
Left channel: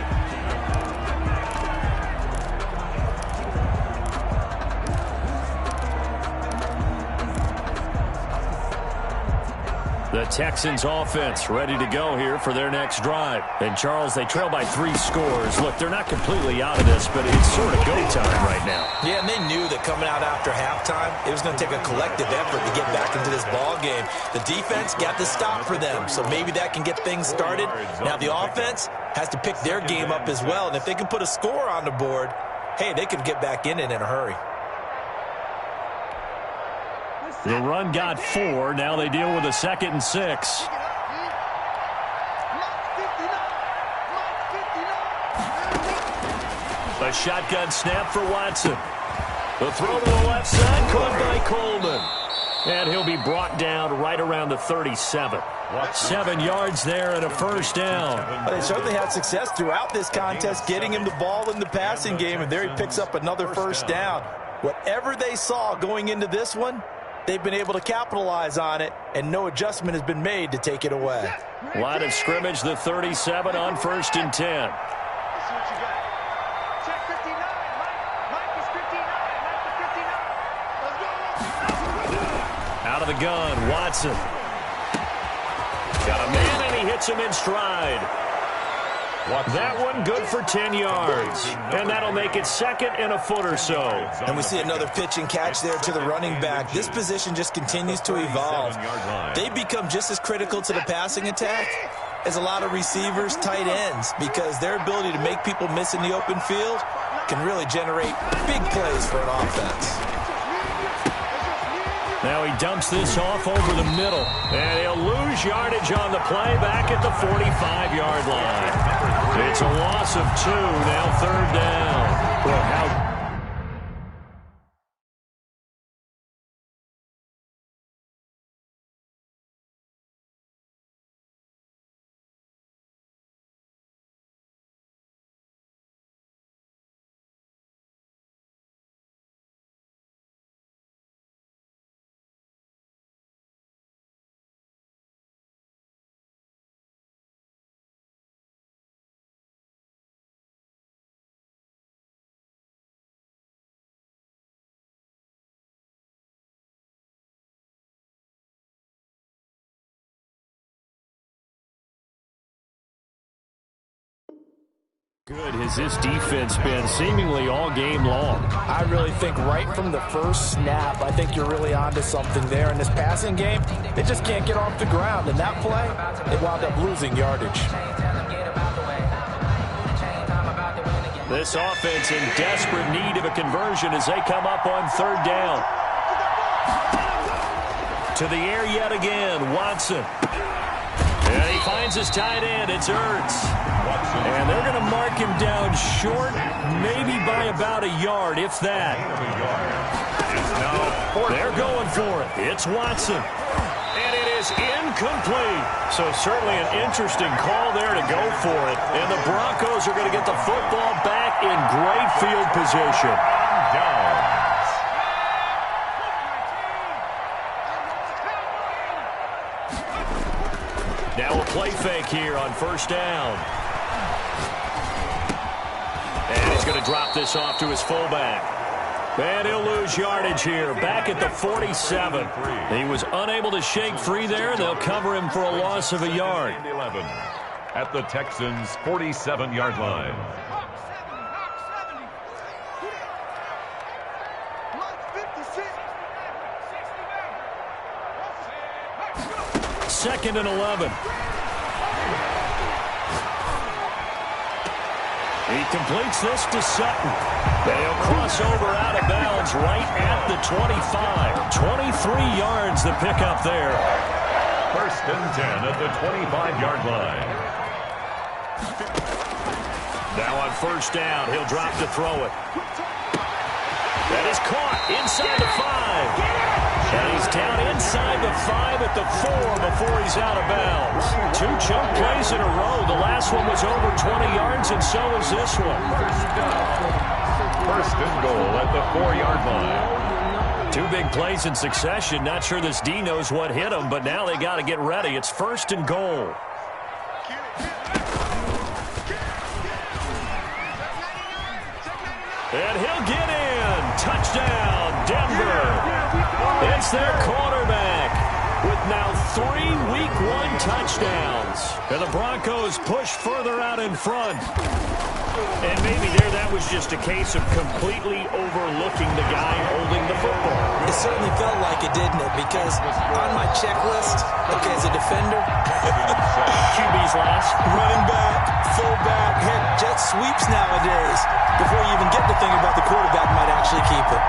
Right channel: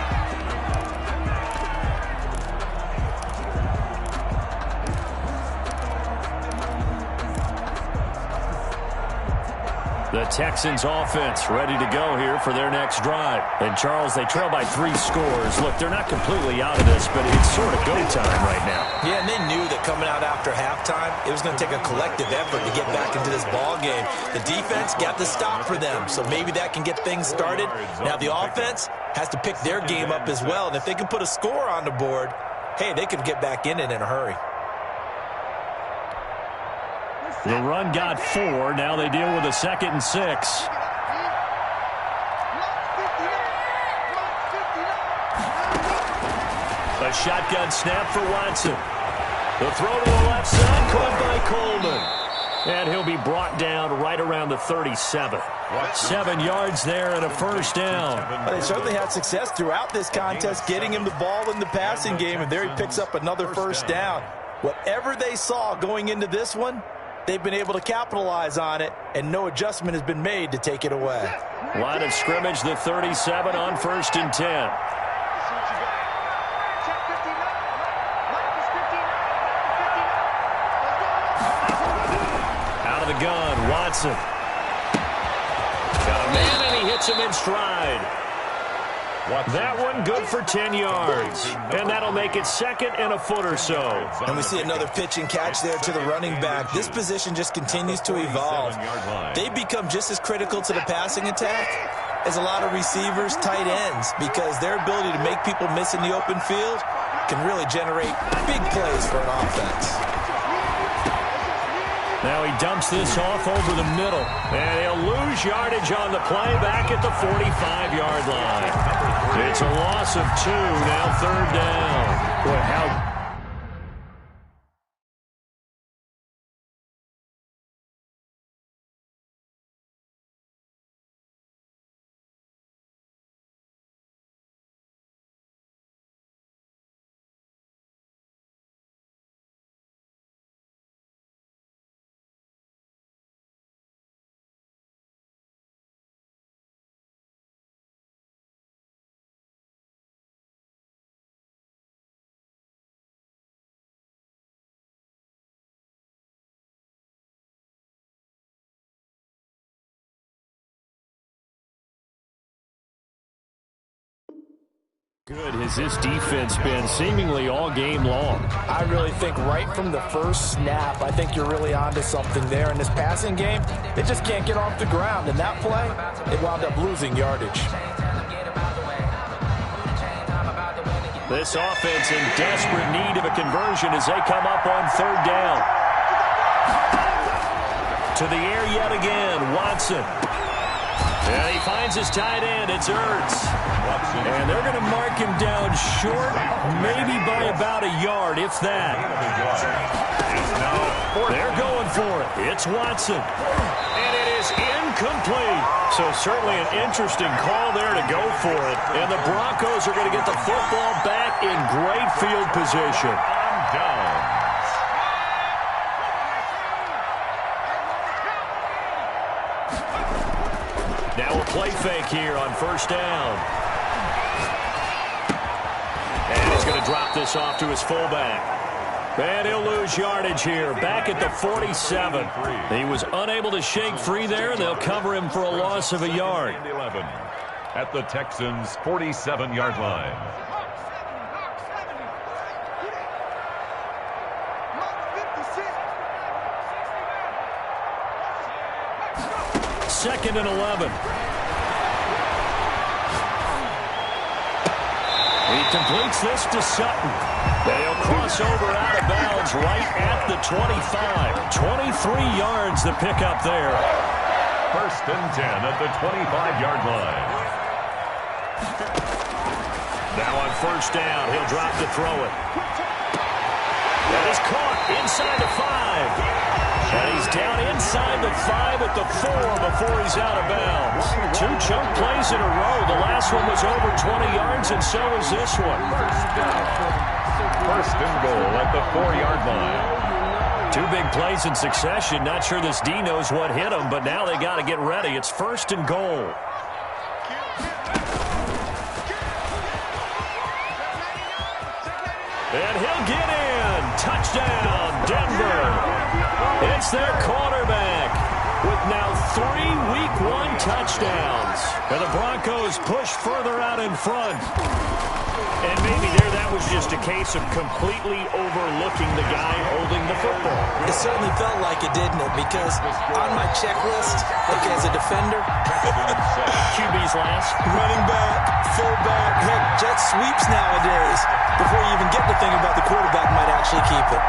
The Texans offense ready to go here for their next drive. And, Charles, they trail by 3 scores. Look, they're not completely out of this, but it's sort of go time right now. Yeah, and they knew that coming out after halftime, it was going to take a collective effort to get back into this ball game. The defense got the stop for them, so maybe that can get things started. Now the offense has to pick their game up as well, and if they can put a score on the board, hey, they can get back in it in a hurry. The run got 4. Now they deal with a 2nd and 6. A shotgun snap for Watson. The throw to the left side caught by Coleman. And he'll be brought down right around the 37. 7 yards there and a first down. Well, they certainly had success throughout this contest getting him the ball in the passing game, and there he picks up another first down. Whatever they saw going into this one, they've been able to capitalize on it, and no adjustment has been made to take it away. Line of scrimmage, the 37 on 1st and 10. Out of the gun, Watson. Got a man, and he hits him in stride. That one good for 10 yards. And that'll make it 2nd and a foot or so. And we see another pitch and catch there to the running back. This position just continues to evolve. They become just as critical to the passing attack as a lot of receivers, tight ends, because their ability to make people miss in the open field can really generate big plays for an offense. Now he dumps this off over the middle. And he'll lose yardage on the play back at the 45-yard line. It's a loss of 2, now 3rd down. Boy, how... good has this defense been seemingly all game long? I really think right from the first snap, I think you're really onto something there. In this passing game, they just can't get off the ground. And that play, they wound up losing yardage. This offense in desperate need of a conversion as they come up on third down. To the air yet again, Watson. And he finds his tight end. It's Ertz. And they're going to mark him down short, maybe by about a yard, if that. They're going for it. It's Watson. And it is incomplete. So certainly an interesting call there to go for it. And the Broncos are going to get the football back in great field position. Down. Now a play fake here on first down. And he's going to drop this off to his fullback. And he'll lose yardage here, back at the 47. He was unable to shake free there. They'll cover him for a loss of a yard. 11 at the Texans' 47-yard line. Second and 11. He completes this to Sutton. They'll cross over out of bounds right at the 25. 23 yards the pickup there. First and 10 at the 25-yard line. Now on first down, he'll drop to throw it. That is caught inside the 5. And he's down inside the 5 at the 4 before he's out of bounds. 2 chunk plays in a row. The last one was over 20 yards, and so is this one. First down. First and goal at the 4-yard line. 2 big plays in succession. Not sure this D knows what hit him, but now they got to get ready. It's first and goal. And he'll get in. Touchdown, Denver. It's their quarterback with now 3 Week 1 touchdowns. And the Broncos push further out in front. And maybe there that was just a case of completely overlooking the guy holding the football. It certainly felt like it, didn't it? Because on my checklist, okay, as a defender, QB's last. running back, fullback, heck, jet sweeps nowadays. Before you even get to think about the quarterback might actually keep it.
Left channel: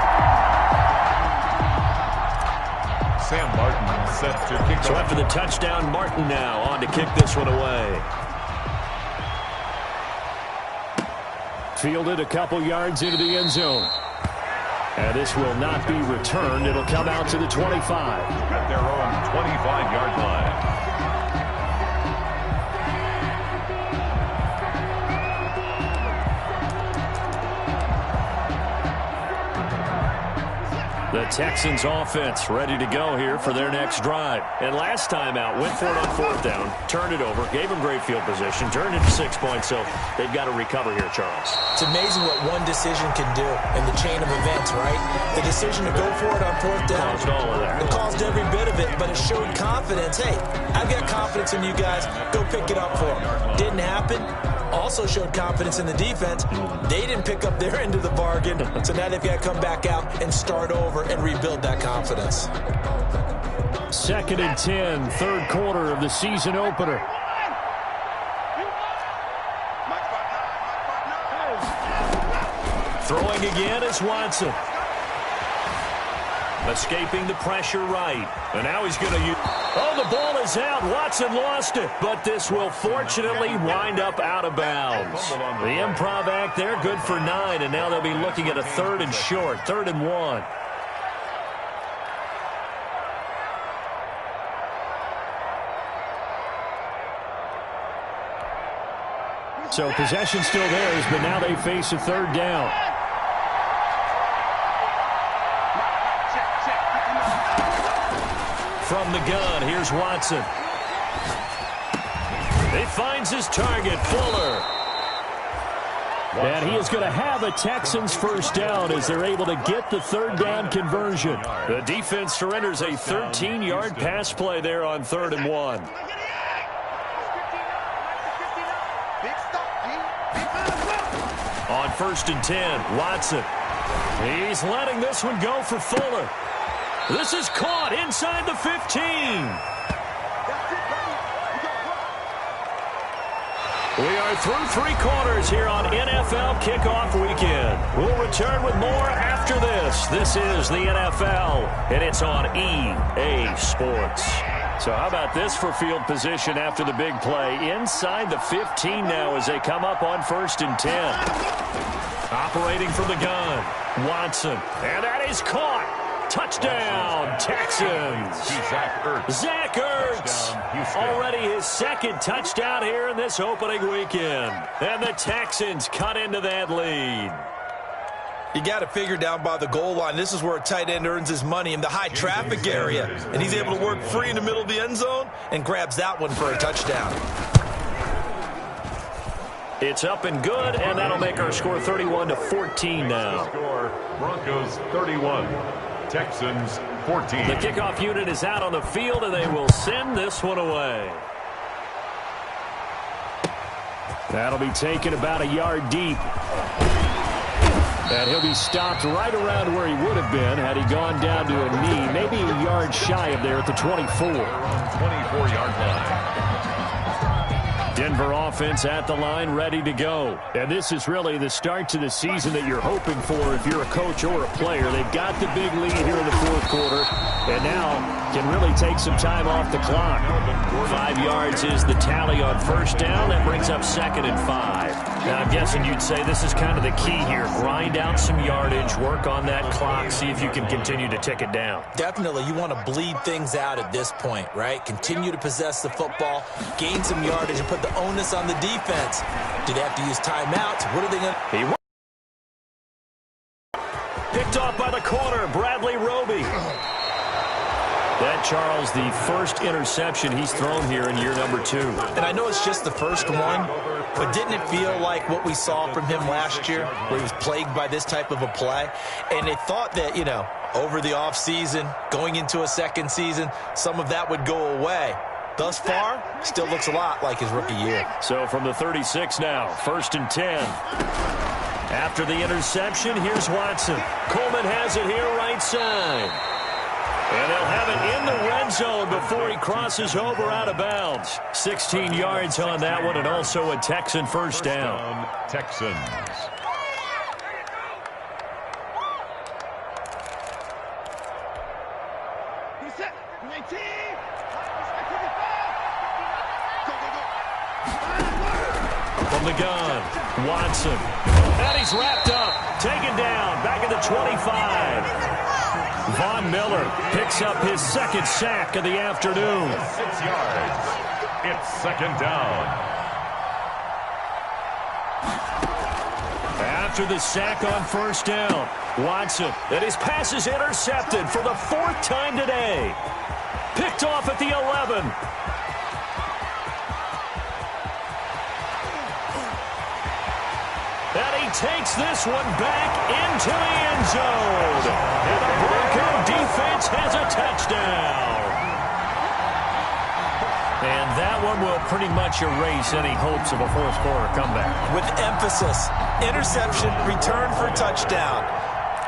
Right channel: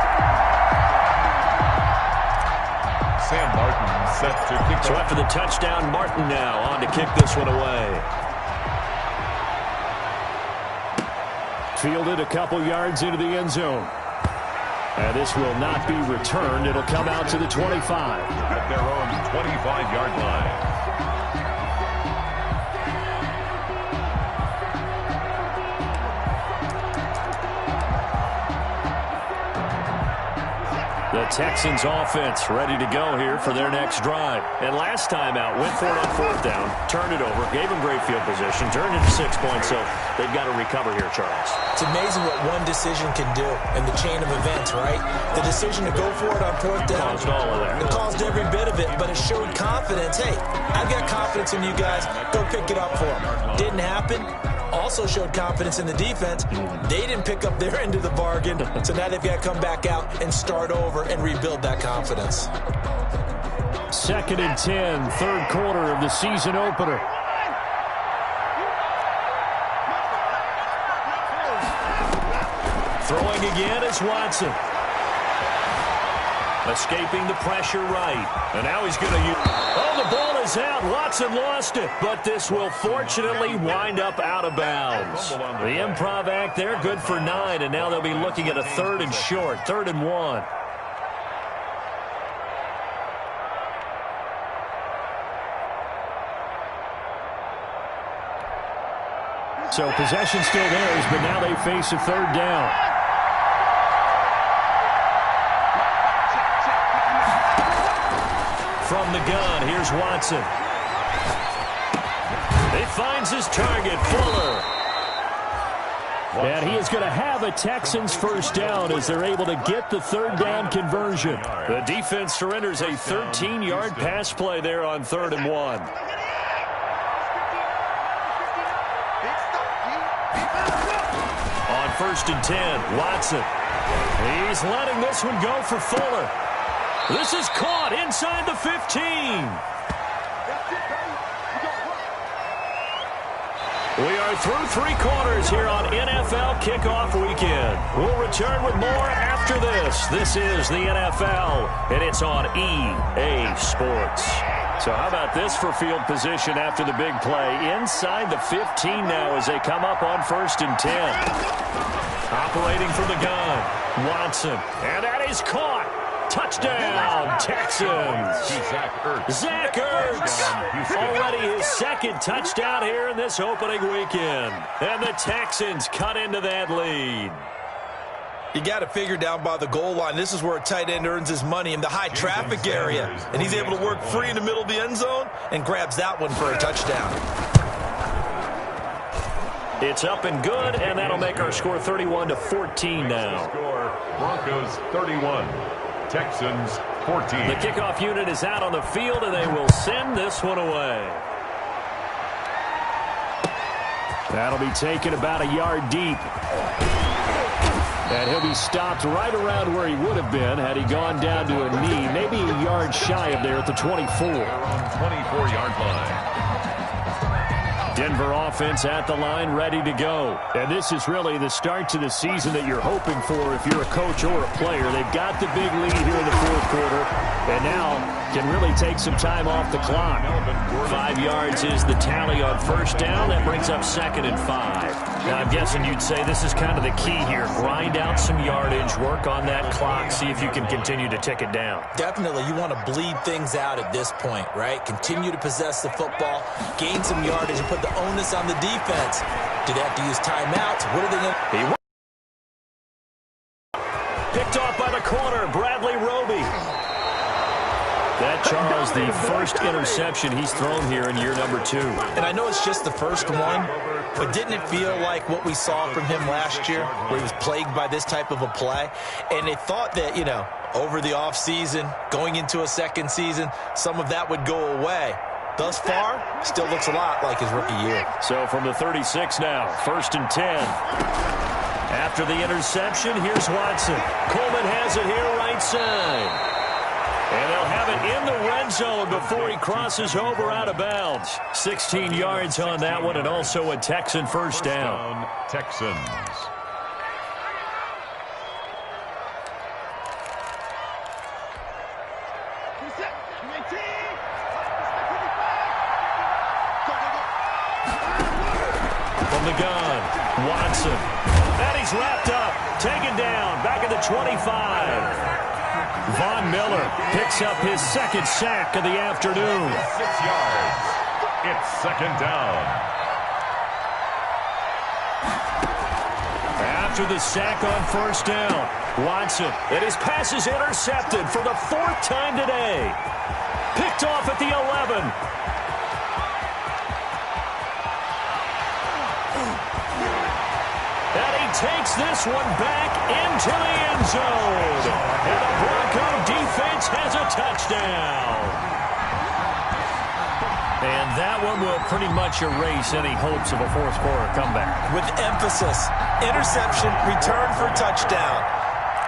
Sam Martin set to kick. So after the touchdown, Martin now on to kick this one away. Fielded a couple yards into the end zone. And this will not be returned. It'll come out to the 25. At their own 25-yard line. The Texans offense ready to go here for their next drive. And last time out, went for it on fourth down, turned it over, gave them great field position, turned into 6 points, so they've got to recover here, Charles. It's amazing what one decision can do in the chain of events, right? The decision to go for it on fourth down. Caused all of that. It caused every bit of it, but it showed confidence. Hey, I've got confidence in you guys. Go pick it up for them. Didn't happen. Also showed confidence in the defense. They didn't pick up their end of the bargain, so now they've got to come back out and start over and rebuild that confidence. Second and 10, third quarter of the season opener. Throwing again is Watson. Escaping the pressure right. And now he's going to use... Oh, the ball is out. Watson lost it. But this will fortunately wind up out of bounds. The improv act there, good for 9. And now they'll be looking at a third and short. 3rd and 1. So possession still theirs, but now they face a third down. From the gun, here's Watson. He finds his target, Fuller. And he is going to have a Texans first down as they're able to get the third down conversion. The defense surrenders a 13-yard pass play there on 3rd and 1. On 1st and 10, Watson. He's letting this one go for Fuller. This is caught inside the 15. We are through 3 quarters here on NFL Kickoff Weekend. We'll return with more after this. This is the NFL, and it's on EA Sports. So how about this for field position after the big play? Inside the 15 now as they come up on 1st and 10. Operating from the gun, Watson. And that is caught. Touchdown, Texans. Zach Ertz. Already his 2nd touchdown here in this opening weekend. And the Texans cut into that lead. You got to figure down by the goal line. This is where a tight end earns his money in the high traffic area. And he's able to work free in the middle of the end zone and grabs that one for a touchdown. It's up and good, and that'll make our score 31-14 now. Score, Broncos 31. Texans 14. The kickoff unit is out on the field, and they will send this one away. That'll be taken about a yard deep. And he'll be stopped right around where he would have been had he gone down to a knee, maybe a yard shy of there at the 24. They're on 24-yard line. Denver offense at the line, ready to go. And this is really the start to the season that you're hoping for if you're a coach or a player. They've got the big lead here in the 4th quarter, and now can really take some time off the clock. 5 yards is the tally on 1st down. That brings up 2nd and 5. Now, I'm guessing you'd say this is kind of the key here. Grind out some yardage, work on that clock, see if you can continue to tick it down. Definitely. You want to bleed things out at this point, right? Continue to possess the football, gain some yardage, and put the onus on the defense. Do they have to use timeouts? What are they going to... Picked off by the corner, Bradley Roby. That, Charles, the first interception he's thrown here in year number 2. And I know it's just the first one, but didn't it feel like what we saw from him last year, where he was plagued by this type of a play? And they thought that, you know, over the offseason, going into a 2nd season, some of that would go away. Thus far, still looks a lot like his rookie year. So from the 36 now, 1st and 10. After the interception, here's Watson. Coleman has it here right side. And they'll have it in the red zone before he crosses over out of bounds. 16 yards on that one, and also a Texan first down. Texans. From the gun, Watson. And he's wrapped up, taken down, back at the 25. Von Miller picks up his 2nd sack of the afternoon. 6 yards. It's 2nd down. After the sack on 1st down, Watson, and his pass is intercepted for the 4th time today. Picked off at the 11. And he takes this one back into the end zone. And the Bronco defense has a touchdown. And that one will pretty much erase any hopes of a 4th quarter comeback. With emphasis, interception, return for touchdown.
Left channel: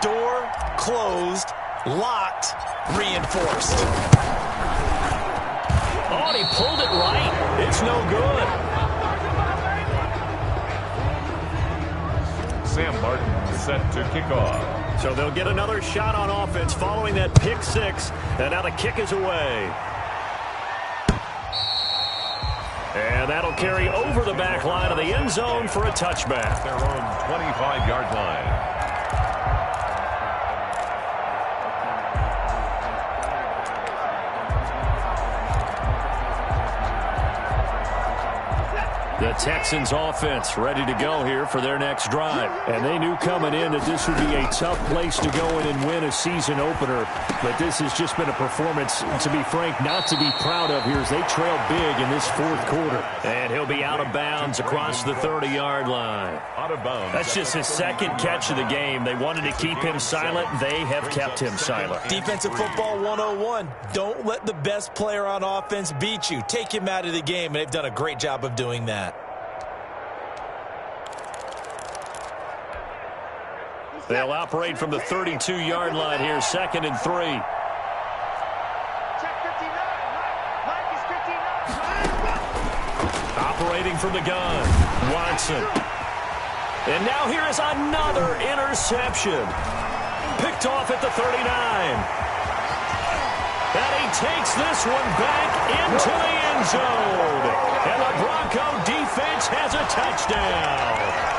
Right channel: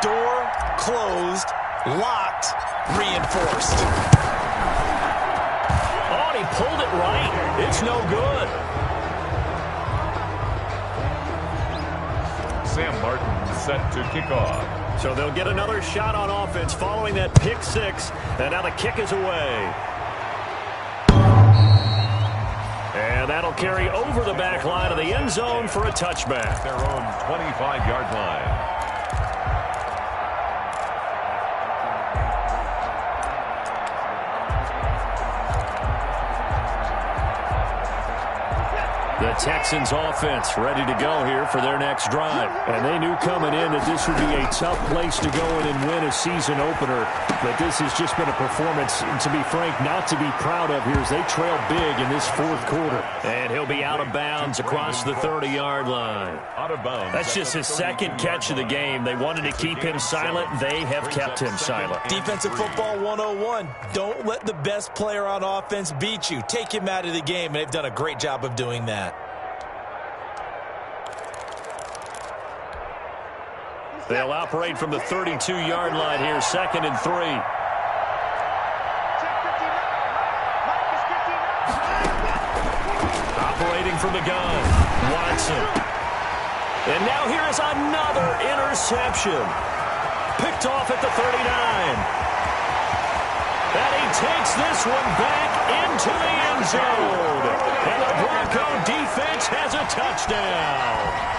Door closed, locked, reinforced. Oh, and he pulled it right. It's no good. Sam Martin set to kick off. So they'll get another shot on offense following that pick 6. And now the kick is away. And that'll carry over the back line of the end zone for a touchback. Their own 25-yard line. The Texans offense ready to go here for their next drive. And they knew coming in that this would be a tough place to go in and win a season opener. But this has just been a performance, to be frank, not to be proud of here as they trail big in this 4th quarter. And he'll be out of bounds across the 30-yard line. Out of bounds. That's just his 2nd catch of the game. They wanted to keep him silent. They have kept him silent. Defensive football 101. Don't let the best player on offense beat you. Take him out of the game, and they've done a great job of doing that. They'll operate from the 32-yard line here, 2nd and 3. Separating from the gun, Watson. And now here is another interception. Picked off at the 39. And he takes this one back into the end zone. And the Bronco defense has a touchdown.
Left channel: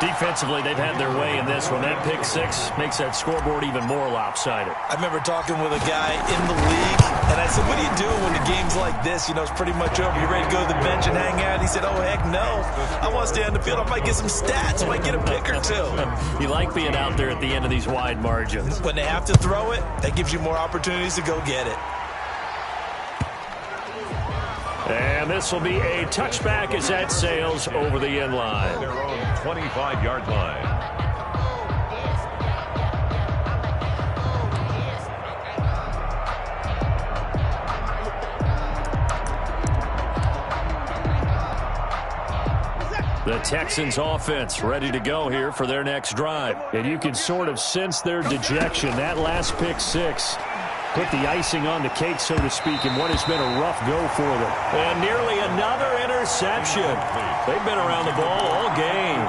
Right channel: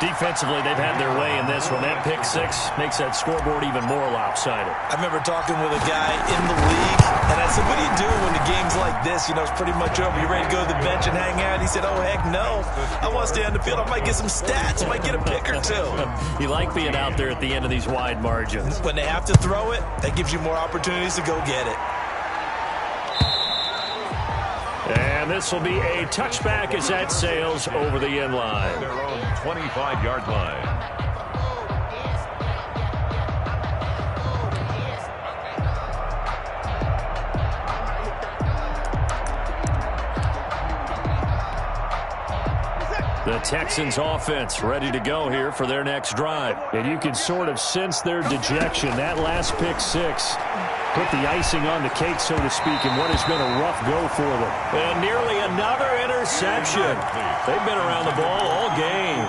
Defensively, they've had their way in this one. That pick six makes that scoreboard even more lopsided. I remember talking with a guy in the league, and I said, what do you do when the game's like this? You know, it's pretty much over. You ready to go to the bench and hang out? He said, oh, heck no. I want to stay on the field. I might get some stats. I might get a pick or two. You like being out there at the end of these wide margins. When they have to throw it, that gives you more opportunities to go get it. And this will be a touchback as that sails over the end line. Their own 25-yard line. The Texans offense ready to go here for their next drive. And you can sort of sense their dejection. That last pick six put the icing on the cake, so to speak, in what has been a rough go for them. And nearly another interception. They've been around the ball all game.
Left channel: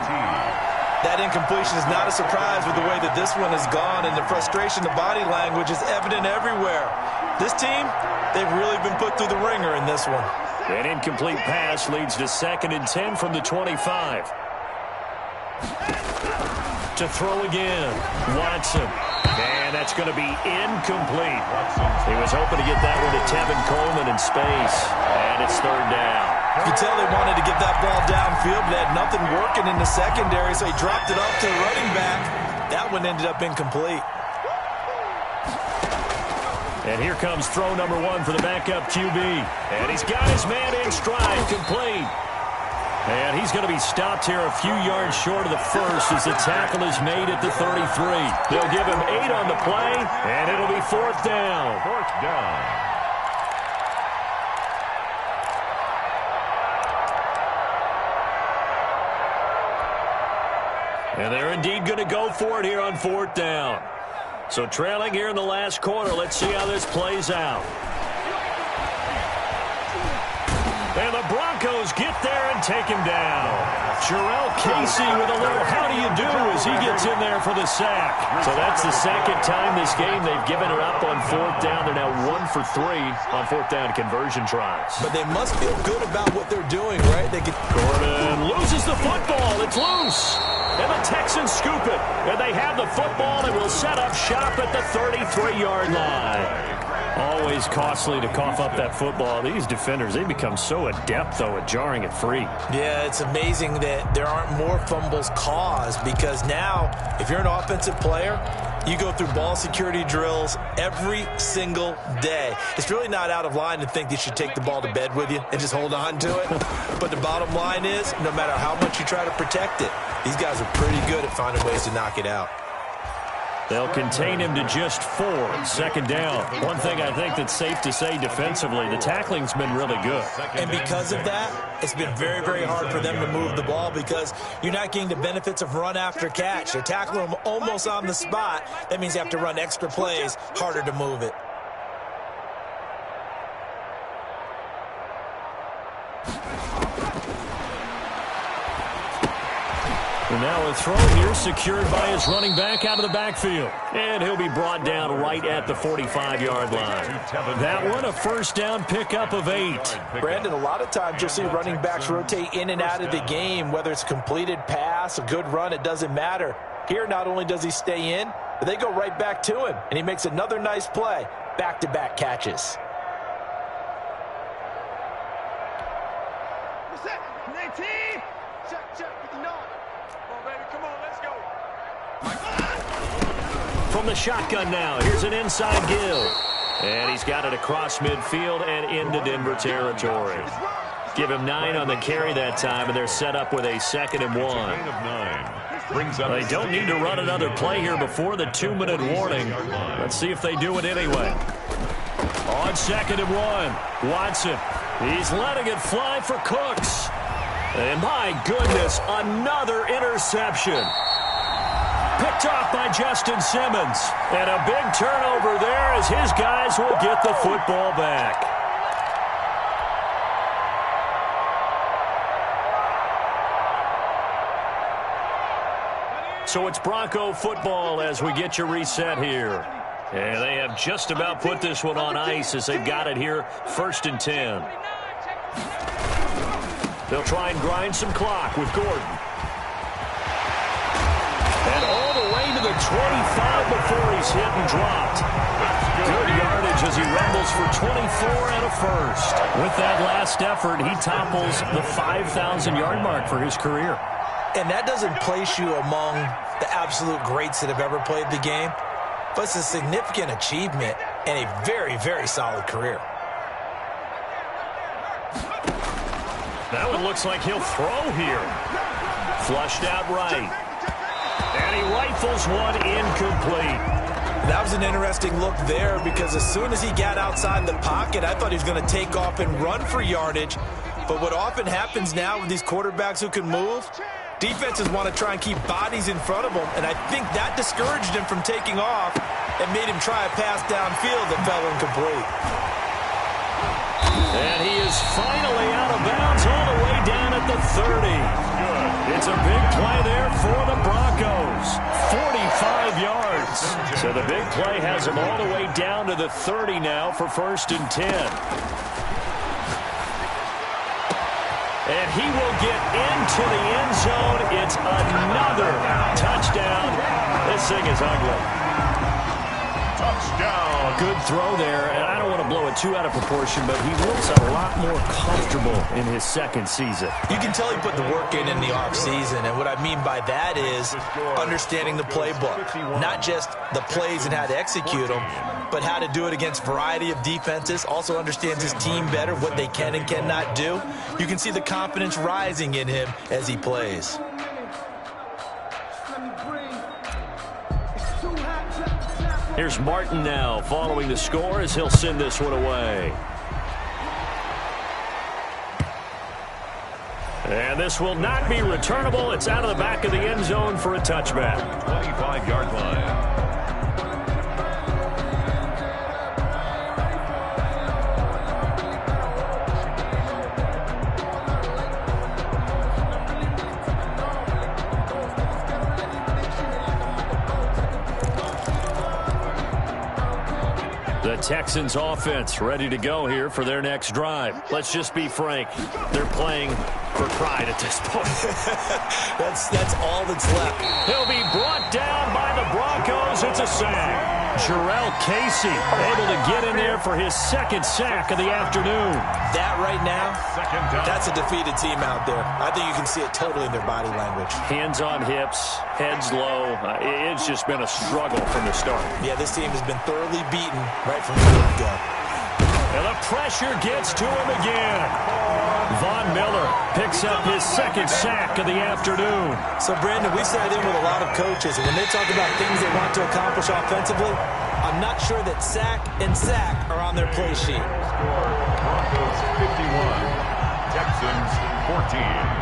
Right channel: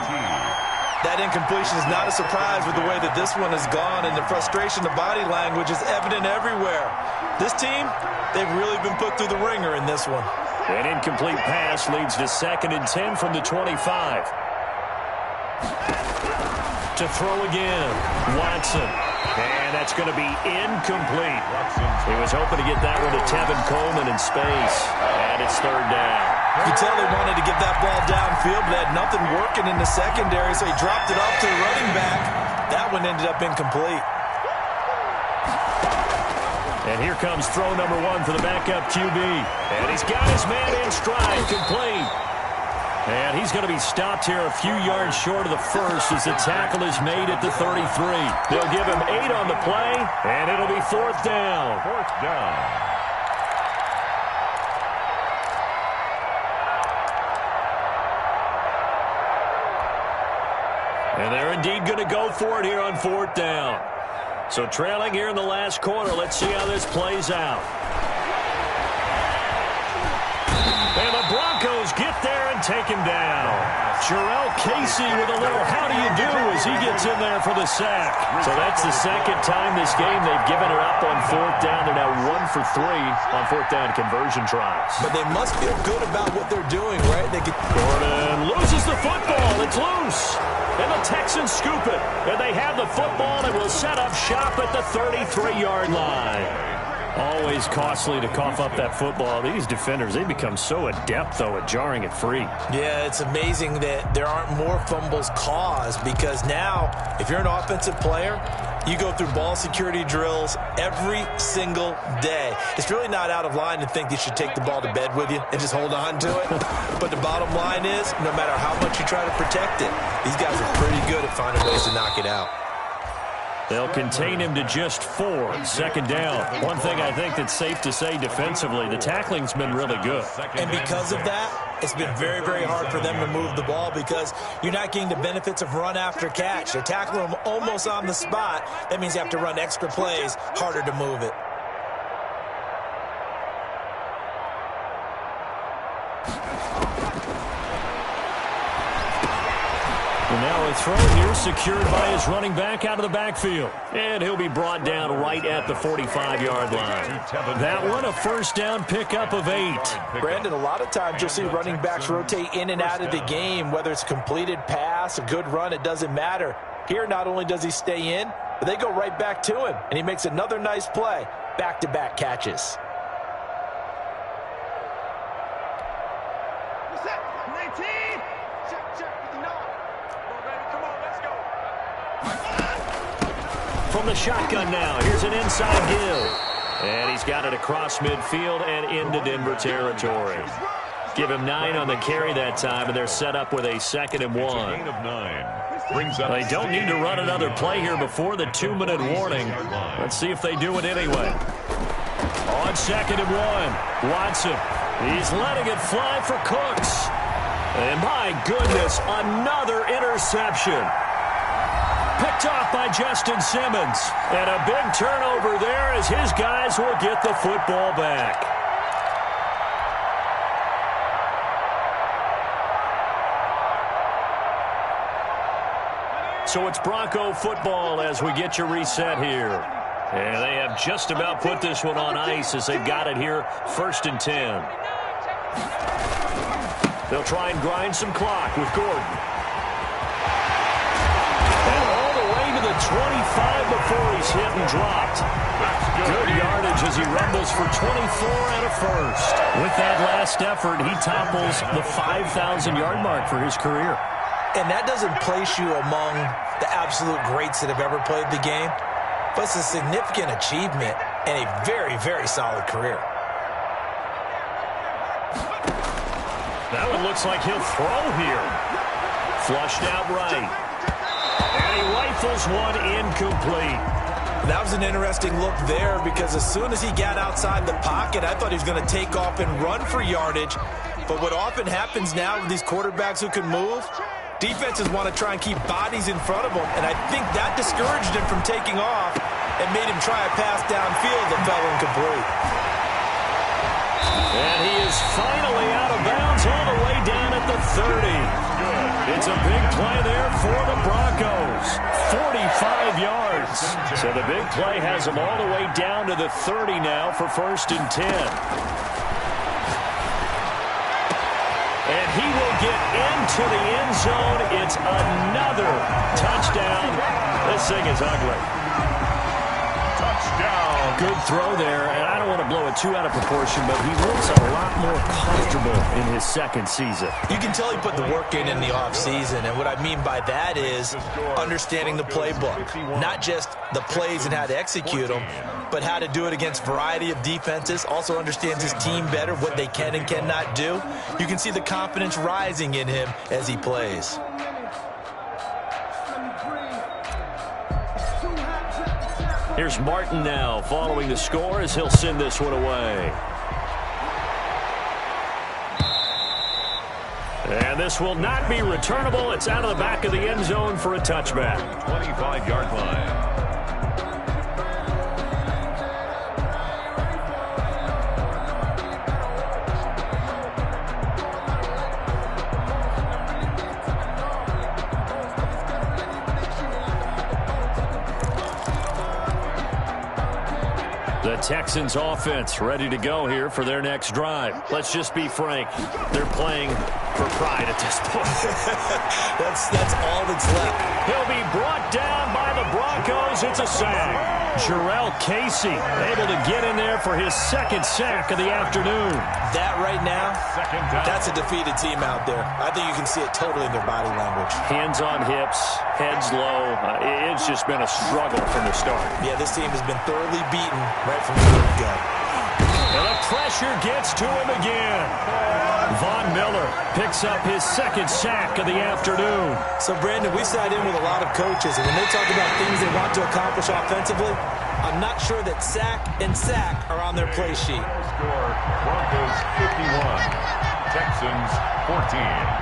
That incompletion is not a surprise with the way that this one has gone, and the frustration, the body language is evident everywhere. This team, they've really been put through the ringer in this one. An incomplete pass leads to 2nd and 10 from the 25. To throw again, Watson. And that's going to be incomplete. He was hoping to get that one to Tevin Coleman in space. And it's 3rd down. You can tell they wanted to get that ball downfield, but they had nothing working in the secondary, so he dropped it off to the running back. That one ended up incomplete. And here comes throw number 1 for the backup QB. And he's got his man in stride, complete. And he's going to be stopped here a few yards short of the first as the tackle is made at the 33. They'll give him 8 on the play, and it'll be 4th down. 4th down. And they're indeed going to go for it here on 4th down. So trailing here in the last quarter, let's see how this plays out. And the Broncos get there and take him down. Jarrell Casey with a little how do you do as he gets in there for the sack. So that's the second time this game they've given it up on 4th down. They're now 1 for 3 on 4th down conversion tries. But they must feel good about what they're doing, right? Gordon loses the football. It's loose. And the Texans scoop it. And they have the football and will set up shop at the 33-yard line. Always costly to cough up that football. These defenders, they become so adept, though, at jarring it free. Yeah, it's amazing that there aren't more fumbles caused because now, if you're an offensive player, you go through ball security drills every single day. It's really not out of line to think you should take the ball to bed with you and just hold on to it. But the bottom line is, no matter how much you try to protect it, these guys are pretty good at finding ways to knock it out. They'll contain him to just 4. 2nd down. One thing I think that's safe to say defensively, the tackling's been really good. And because of that, it's been very, very hard for them to move the ball because you're not getting the benefits of run after catch. They're tackling them almost on the spot. That means you have to run extra plays, harder to move it. And now a throw here secured by his running back out of the backfield. And he'll be brought down right at the 45-yard line. That one, a 1st down pickup of 8. Brandon, a lot of times you'll see running backs rotate in and out of the game, whether it's a completed pass, a good run, it doesn't matter. Here, not only does he stay in, but they go right back to him, and he makes another nice play. Back-to-back catches. What's that? 19. Check. 59. Come on, let's go. From the shotgun now, here's an inside give. And he's got it across midfield and into Denver territory. Give him 9 on the carry that time, and they're set up with a 2nd and 1. Gain of 9. They don't need to run another play here before the 2-minute warning. Let's see if they do it anyway. On 2nd and 1, Watson. He's letting it fly for Cooks. And my goodness, another interception. Picked off by Justin Simmons. And a big turnover there as his guys will get the football back. So it's Bronco football as we get you reset here. And they have just about put this one on ice as they've got it here, 1st and 10. They'll try and grind some clock with Gordon. And all the way to the 25 before he's hit and dropped. Good yardage as he rumbles for 24 and a first. With that last effort, he topples the 5,000-yard mark for his career. And that doesn't place you among the absolute greats that have ever played the game, but it's a significant achievement and a very, very solid career. That one looks like he'll throw here. Flushed out right. And he rifles one incomplete. That was an interesting look there because as soon as he got outside the pocket, I thought he was going to take off and run for yardage. But what often happens now with these quarterbacks who can move, defenses want to try and keep bodies in front of them, and I think that discouraged him from taking off and made him try a pass downfield that fell incomplete. And he is finally out of bounds all the way down at the 30. Good. It's a big play there for the Broncos. 45 yards. So the big play has him all the way down to the 30 now for 1st and 10. And he will get into the end zone. It's another touchdown. This thing is ugly. Touchdown. Good throw there, and I don't want to blow it too out of proportion, but he looks a lot more comfortable in his second season. You can tell he put the work in the offseason, and what I mean by that is understanding the playbook. Not just the plays and how to execute them, but how to do it against a variety of defenses. Also understands his team better, what they can and cannot do. You can see the confidence rising in him as he plays. Here's Martin now following the score as he'll send this one away. And this will not be returnable. It's out of the back of the end zone for a touchback. 25-yard line. The Texans offense ready to go here for their next drive. Let's just be frank. They're playing for pride at this point. That's all that's left. He'll be brought down by the Broncos. It's a sack. Jarrell Casey able to get in there for his second sack of the afternoon. That right now, that's a defeated team out there. I think you can see it totally in their body language. Hands on hips, heads low. It's just been a struggle from the start. Yeah, this team has been thoroughly beaten right from the get-go. And the pressure gets to him again. Von Miller picks up his second sack of the afternoon. So, Brandon, we sat in with a lot of coaches, and when they talk about things they want to accomplish offensively, I'm not sure that sack and sack are on their play sheet. Score, Broncos 51, Texans 14.